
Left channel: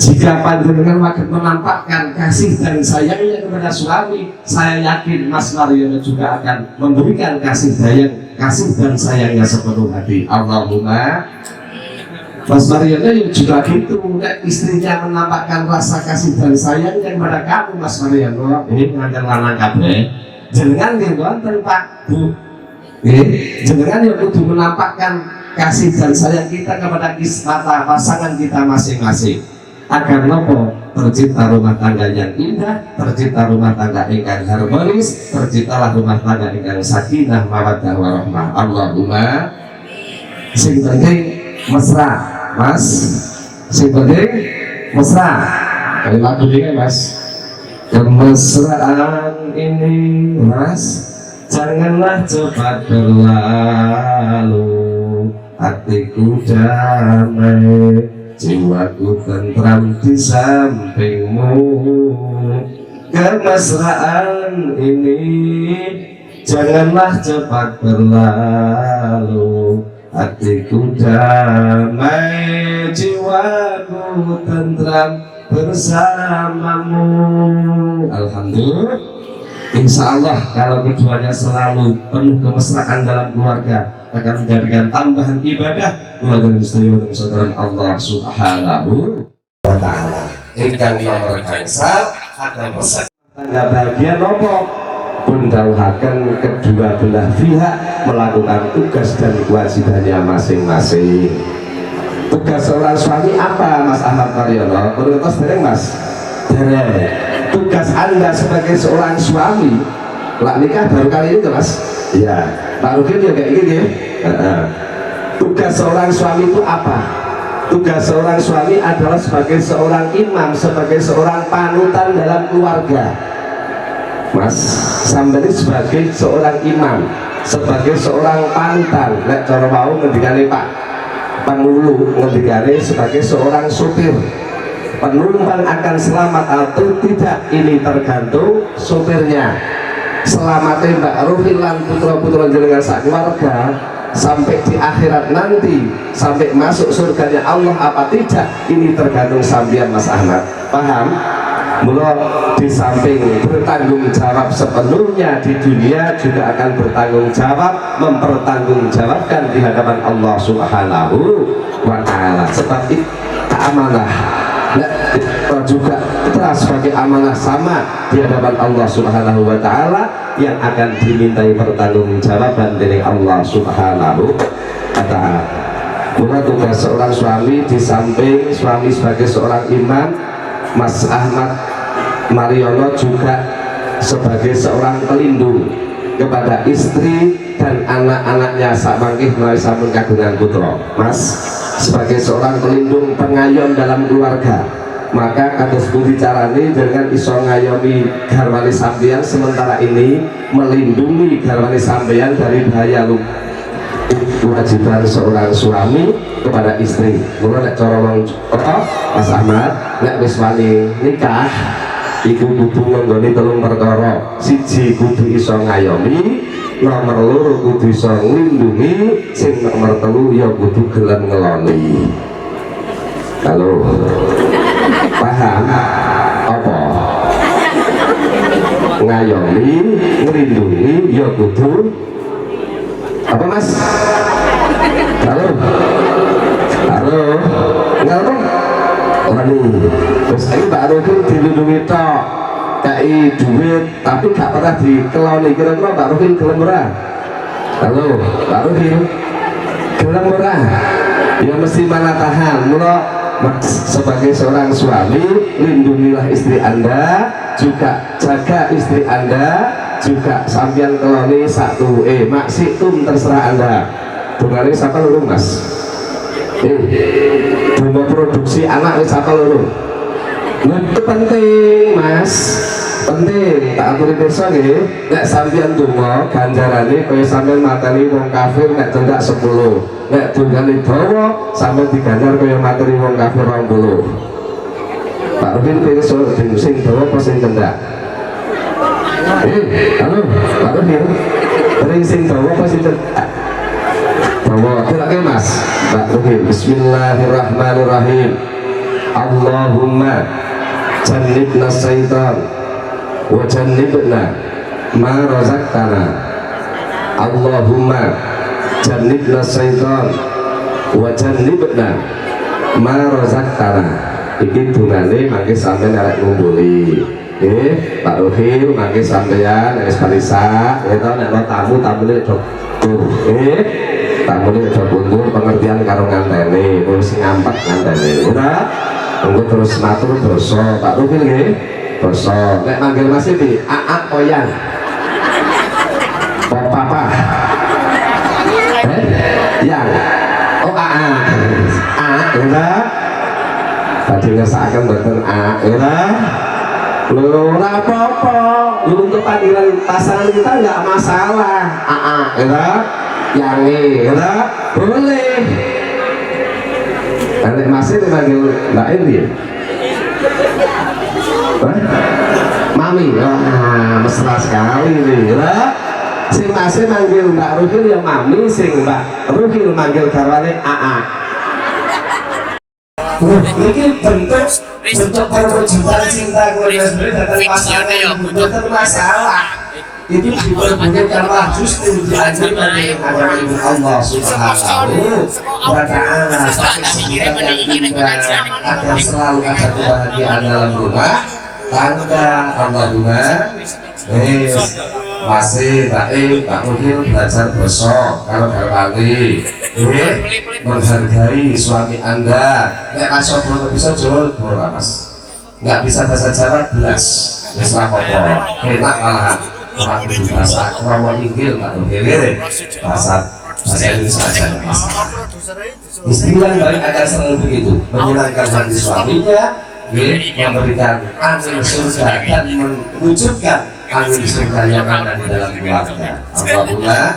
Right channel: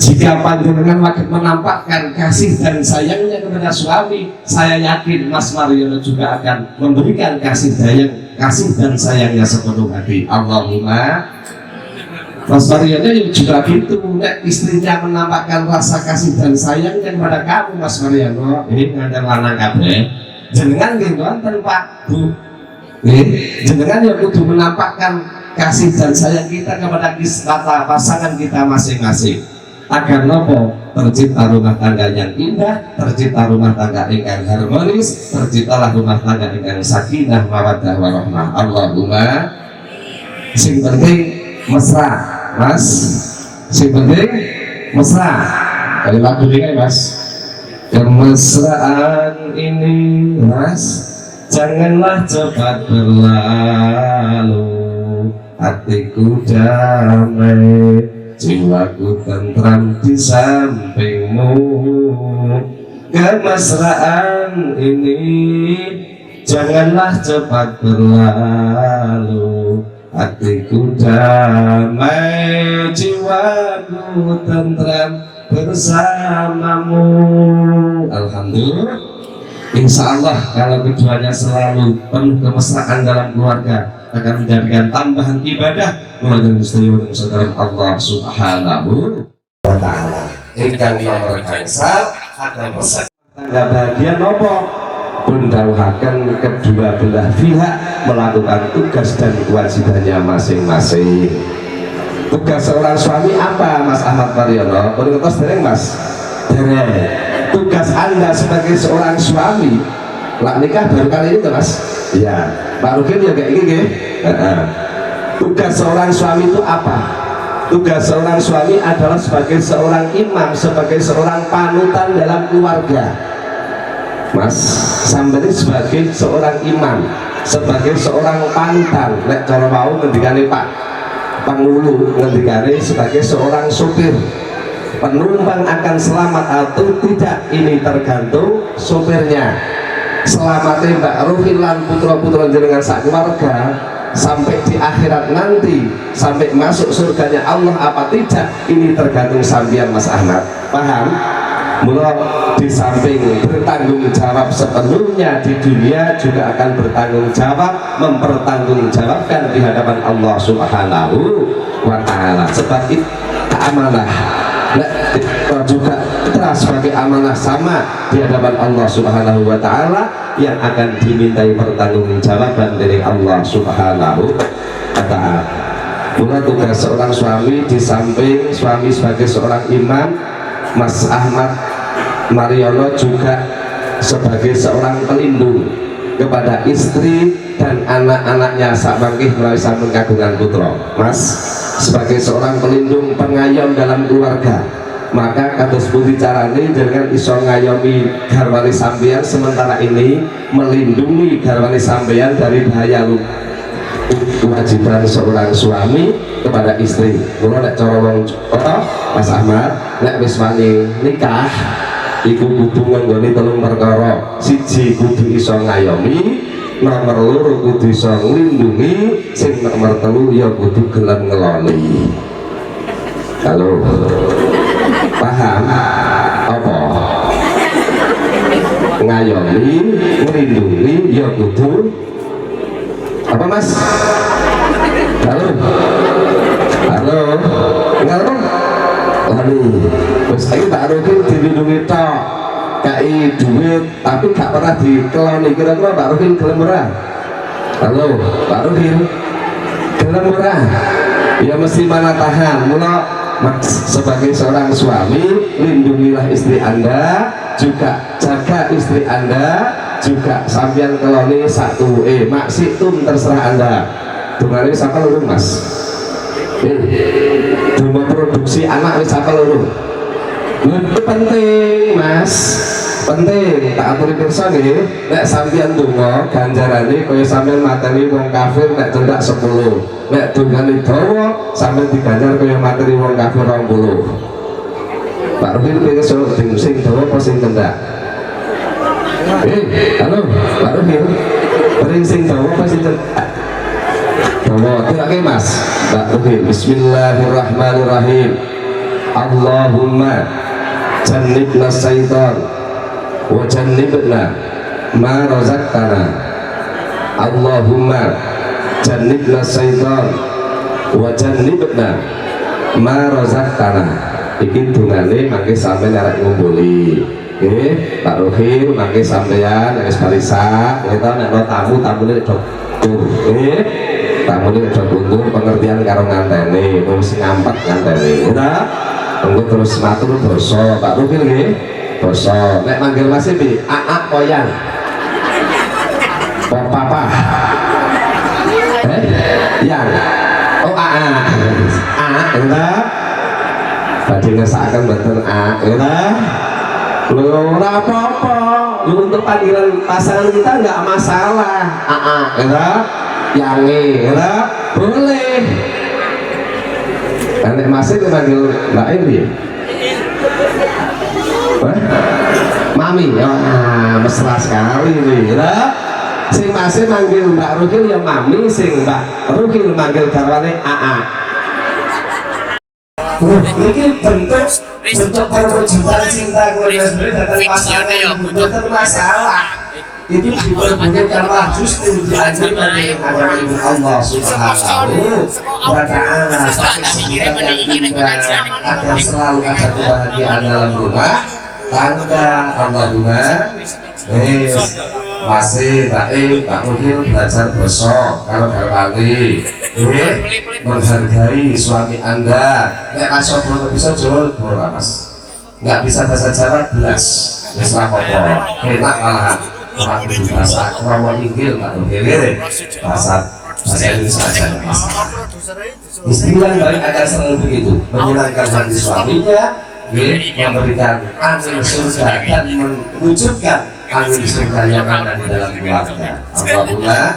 Jika panjenengan makin menampakkan kasih dan sayangnya kepada suami, saya yakin Mas Mariono juga akan memberikan kasih dan sayangnya sepenuh hati. Allahumma. Mas Mariono juga gitu, istrinya menampakkan rasa kasih dan sayangnya kepada kamu Mas Mariono. Ini pengantin lanang kabeh. Jenengan nggih wonten Pak Bu. Jenengan yang kudu menampakkan kasih dan sayang kita kepada mata pasangan kita masing-masing agar nopo tercipta rumah tangga yang indah, tercipta rumah tangga ingkang harmonis, terciptalah rumah tangga ingkang sakinah mawaddah warahmah. Allahumma. Sing penting mesra, Mas. Sing penting mesra. Kali lagu ini Mas. Kemesraan ini Mas, janganlah cepat berlalu. Hatiku damai, jiwaku tentram di sampingmu. Kemesraan ini janganlah cepat berlalu. Hatiku damai, jiwaku tentram bersamamu. Alhamdulillah. Insya Allah kalau keduanya selalu penuh kemesraan dalam keluarga akan menjadikan tambahan ibadah keluarga muslim dan saudara Allah Subhanahu wa Ta'ala. Ingkang nomor gangsal akan pesan tangga bahagia nopo mendauhaken kedua belah pihak melakukan tugas dan kewajibannya masing-masing. Tugas seorang suami apa Mas Ahmad Mariono? Menurut Mas dereng. Tugas Anda sebagai seorang suami, lah nikah baru kali ini tuh Mas. Ya, Pak Rukin ya kayak gini ya. Tugas seorang suami itu apa? Tugas seorang suami adalah sebagai seorang imam, sebagai seorang panutan dalam keluarga. Mas, sampai sebagai seorang imam, sebagai seorang panutan. Nek cara mau ngendikane Pak Pangulu ngendikane sebagai seorang supir. Penumpang akan selamat atau tidak ini tergantung supirnya. Selamatnya Mbak Ruhin lan putra-putra jenengan sak keluarga sampai di akhirat nanti, sampai masuk surganya Allah apa tidak, ini tergantung sampean Mas Ahmad. Paham? Mula di samping bertanggung jawab sepenuhnya di dunia, juga akan bertanggung jawab, mempertanggungjawabkan di hadapan Allah Subhanahu wa Ta'ala. Sebab itu amanah. Nah, juga kita sebagai amanah sama di hadapan Allah Subhanahu wa Ta'ala yang akan dimintai pertanggungjawaban dari Allah Subhanahu wa Ta'ala. Mula tugas seorang suami di samping suami sebagai seorang imam, Mas Ahmad Mariono juga sebagai seorang pelindung kepada istri dan anak-anaknya sakmangkih melalui sampun kagungan putra. Mas sebagai seorang pelindung pengayom dalam keluarga, maka kados pundi carane dengan iso ngayomi garwane sampeyan sementara ini melindungi garwane sampeyan dari bahaya kewajiban seorang suami kepada istri. Mula nek cara wong Mas Ahmad nek wis wani nikah iku kudu nggone telung perkara. Siji kudu iso ngayomi, nomor loro kudu iso nglindungi, sing nomor telu ya kudu gelem ngeloni. Halo, paham apa? Ngayomi, nglindungi ya kudu apa Mas? Halo, halo, ngelon orang ini. Terus ini Pak Rukin dilindungi tok, kai duit, tapi gak pernah dikeloni. Kira-kira Pak Rukin gelem ora? Halo, Pak Rukin gelem ora? Ya mesti mana tahan. Mula sebagai seorang suami, lindungilah istri Anda, juga jaga istri Anda, juga sambian keloni satu maksitum terserah Anda. Tunggalnya siapa lho Mas? Bunga produksi anak siapa lho? Itu penting Mas, penting. Tak aturi pirsa nggih, nek sampeyan donga ganjarane kaya sampeyan mateni wong kafir nek cendak 10. Nek dongane dawa sampeyan diganjar kaya materi wong kafir 20. Pak Rukin pirsa sing dawa apa sing cendak? Halo, Pak Rukin. Ring sing dawa apa sing cendak? Dawa. Oke Mas. Pak Rukin. Bismillahirrahmanirrahim. Allahumma jannibna syaitan wa jannibna ma razaqtana. Allahumma jannibna syaitan wa jannibna ma razaqtana. Iki dungane mangke sampeyan arek ngumpuli. Pak Ruhil mangke sampeyan wis balisa ya to nek tamu-tamune Tamune aja kundur pengertian karo nganteni, terus ngampak nganteni. Ora? Engko terus matur dosa. Pak Rukil nggih. Dosa. Nek manggil Mas iki, Aak Koyan. Papa. Yang. Oh Aak. Aak ora. Tadi ngesakaken mboten Aak ora. Lho ora apa-apa. Untuk panggilan pasangan kita enggak masalah. Aak ora. Yangi, ya, boleh. Nanti masih dipanggil Mbak Indi. Mami, wah, mesra sekali nih, ya. Sing masih manggil Mbak Ruhil ya Mami, sing Mbak Ruhil manggil garwane AA. Ini bentuk perwujudan cinta keluarga sendiri datang pasangan yang bukan masalah. Itu diperbudak karena justru diajari oleh agama ibu Allah Subhanahu wa Ta'ala. Tapi sebenarnya kita akan selalu ada kebahagiaan dalam rumah tangga. Allahumma masih baik Pak Mungkin belajar besok kalau berbagi menghargai suami Anda. Nek asal belum bisa jual bola Mas, nggak bisa bahasa Jawa belas bisa apa-apa enak malahan. Orang bahasa Rawa Inggil Pak Inggil bahasa Indonesia saja Mas. Istri yang baik akan selalu begitu, menyenangkan hati suaminya, memberikan angin surga dan mewujudkan angin surga yang ada di dalam keluarga. Alhamdulillah.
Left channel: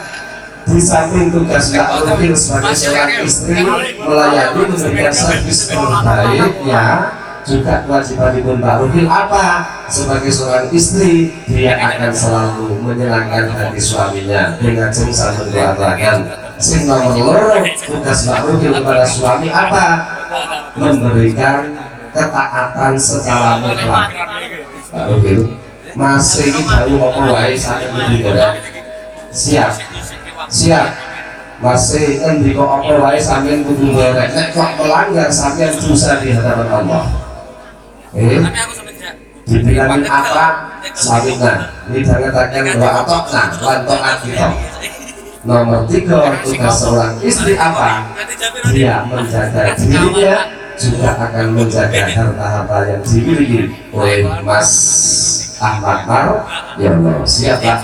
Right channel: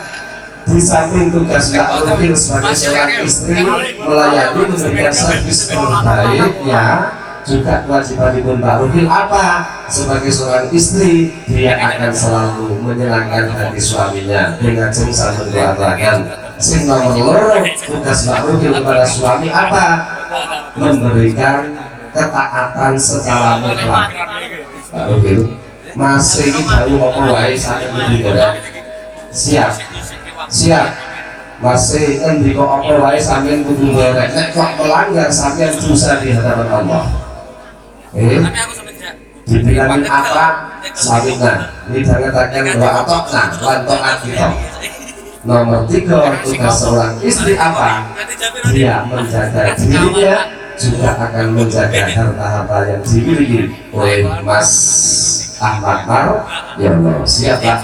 Di samping tugas Mbak Rukil sebagai seorang istri melayani memberikan servis terbaik ya, juga kewajiban ibu Mbak Rukil apa? Sebagai seorang istri, dia akan selalu menyenangkan hati suaminya dengan jengsa mendoakan. Sing nomor loro, tugas Mbak Rukil kepada suami apa? Memberikan ketaatan secara mutlak. Mbak Rukil masih jauh apa wae sakit digoreng. Siap. Masih endiko apa wae sampeyan kudu goreng. Nek kok melanggar sampeyan dosa di hadapan Allah. Dibilangin apa? Sawinan. Didangetaken wa atokna lan taat kita. Nomor 3, tugas seorang istri apa? Dia menjaga dirinya, juga akan menjaga harta-harta yang dimiliki oleh Mas Ahmad Mar. Ya Allah, siap Pak.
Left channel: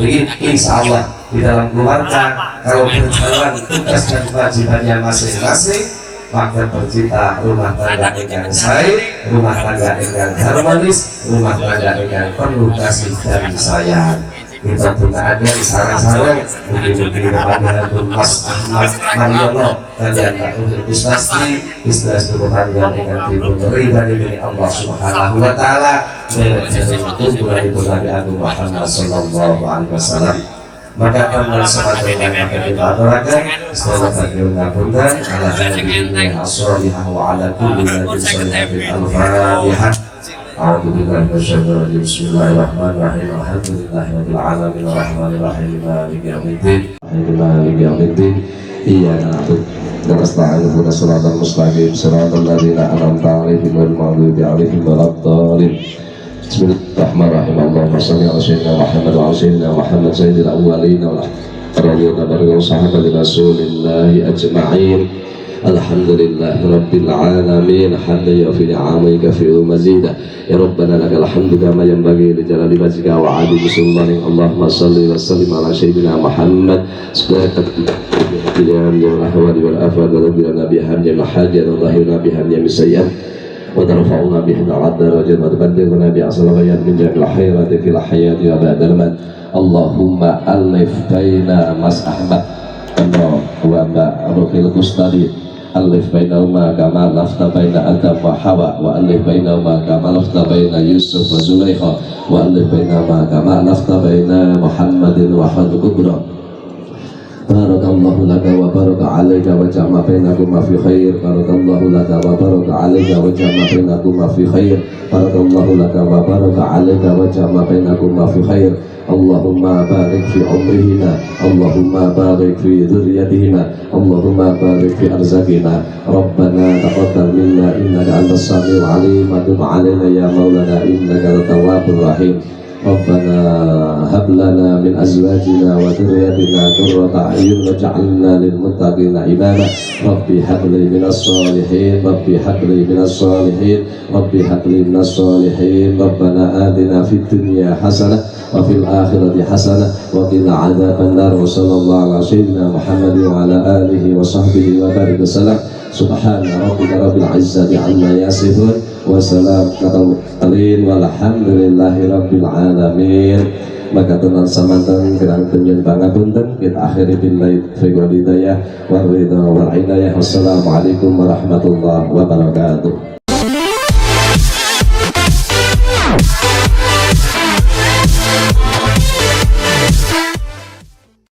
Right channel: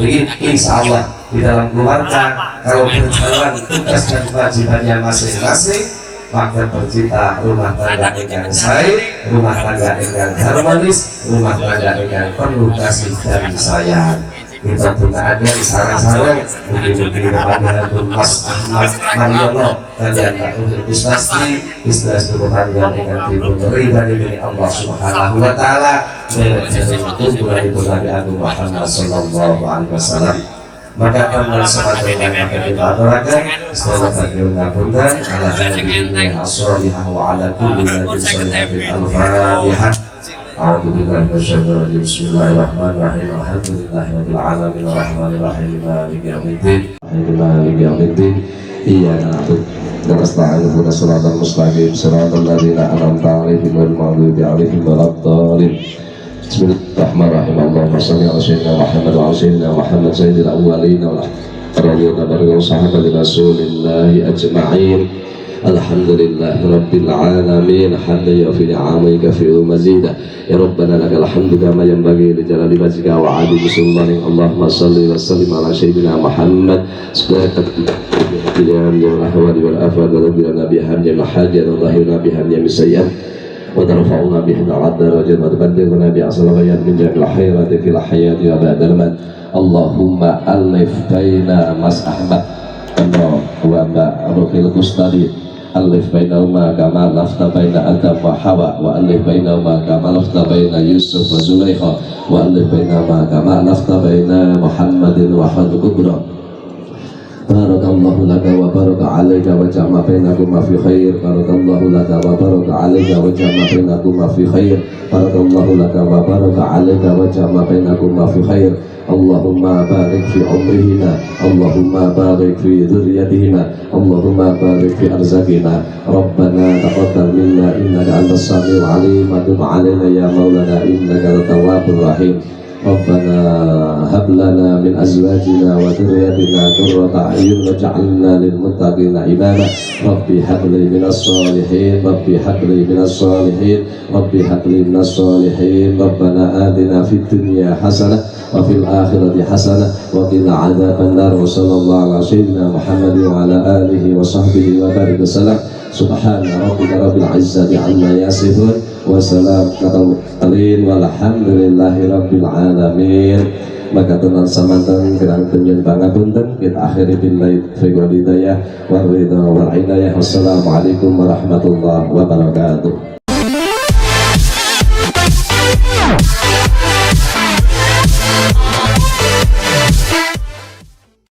Begini, insya Allah di dalam keluarga kalau berjalan tugas dan kewajibannya masing-masing, maka tercipta rumah tangga yang baik, rumah tangga yang harmonis, rumah tangga yang penuh kasih dan sayang. Kita pun ada di sarang-sarang mungkin-mungkin kepada Mas Ahmad Mariono kalian tak untuk pasti bisnis rumah tangga dengan diberi dari Allah Subhanahu wa Ta'ala dari itu dari Nabi Agung Muhammad Sallallahu Alaihi Wasallam. Maka karena sebagaimana maka kita aturakan setelah terjun ngapunten ala hadhihi as-salihah wa ala kulli ladin salihatin al-fatihah. A'udzu billahi minasyaitonir rajim. Bismillahirrahmanirrahim. Alhamdulillahirabbil alamin arrahmanir rahim maliki yaumiddin. Maliki yaumiddin. Iyyaka na'budu wa nasta'inu ihdinas siratal mustaqim siratal ladzina an'amta 'alaihim ghairil maghdubi 'alaihim waladdallin. Bismillahirrahmanirrahim. Allahumma shalli ala sayyidina Muhammad wa ala sayyidina Muhammad sayyidil awwalin wal akhirin wa barik sahabati rasulillahi ajma'in. Alhamdulillahi rabbil alamin hamdan yafi ni'amika fi mazida ya rabbana lakal hamdu kama yanbaghi li jalali wajhika wa 'azimi sultanik. Allahumma shalli wa sallim ala sayyidina Muhammad sallallahu alaihi wa ahwali wal afad wa rabbina bihamdi jamil hajat wa dhahirna bihamdi jamil sayyi'at wa tarfa'una bihi al-'adda wa tubaddiruna bi asrariyat min jamil khairati fil hayati wa ba'dal mat. Allahumma alif baina Mas Ahmad wa Mbak Rukil Kustadi, alif bainahuma kama lafta baina Adam wa Hawa, wa alif bainahuma kama lafta baina Yusuf wa Zulaikha, wa alif bainahuma kama lafta baina Muhammadin wa Hadid Kubra. Barakallahu laka wa baraka alayka wa jama bainakuma fi khair. Barakallahu laka wa baraka alayka wa jama bainakuma fi khair. Barakallahu laka wa baraka alayka wa jama bainakuma fi khair. Allahumma barik fi umrihima, Allahumma barik fi dhurriyyatihima, Allahumma barik fi arzaqina. Rabbana taqabbal minna innaka antas samiul alim wa tub alaina ya maulana innaka at-tawwabur rahim. Rabbana hab lana min azwajina wa dhurriyyatina qurrata a'yun waj'alna lil muttaqina imama. Rabbi hab li minas shalihin, Rabbi hab li minas shalihin, Rabbi hab li minas shalihin. Rabbana atina fid dunya hasanah wa fil akhirati hasanah wa qina adzabannar. Wa sallallahu ala sayyidina Muhammad wa ala alihi wa sahbihi wa barik wasallam. Subhana rabbika rabbil izzati amma yasifun wa salamun alal mursalin walhamdulillahi rabbil alamin. Maka tenan samanten kirang penjen pangapunten kita akhiri billahi taufiq wal hidayah wal ridha wal inayah. Wassalamualaikum warahmatullahi wabarakatuh.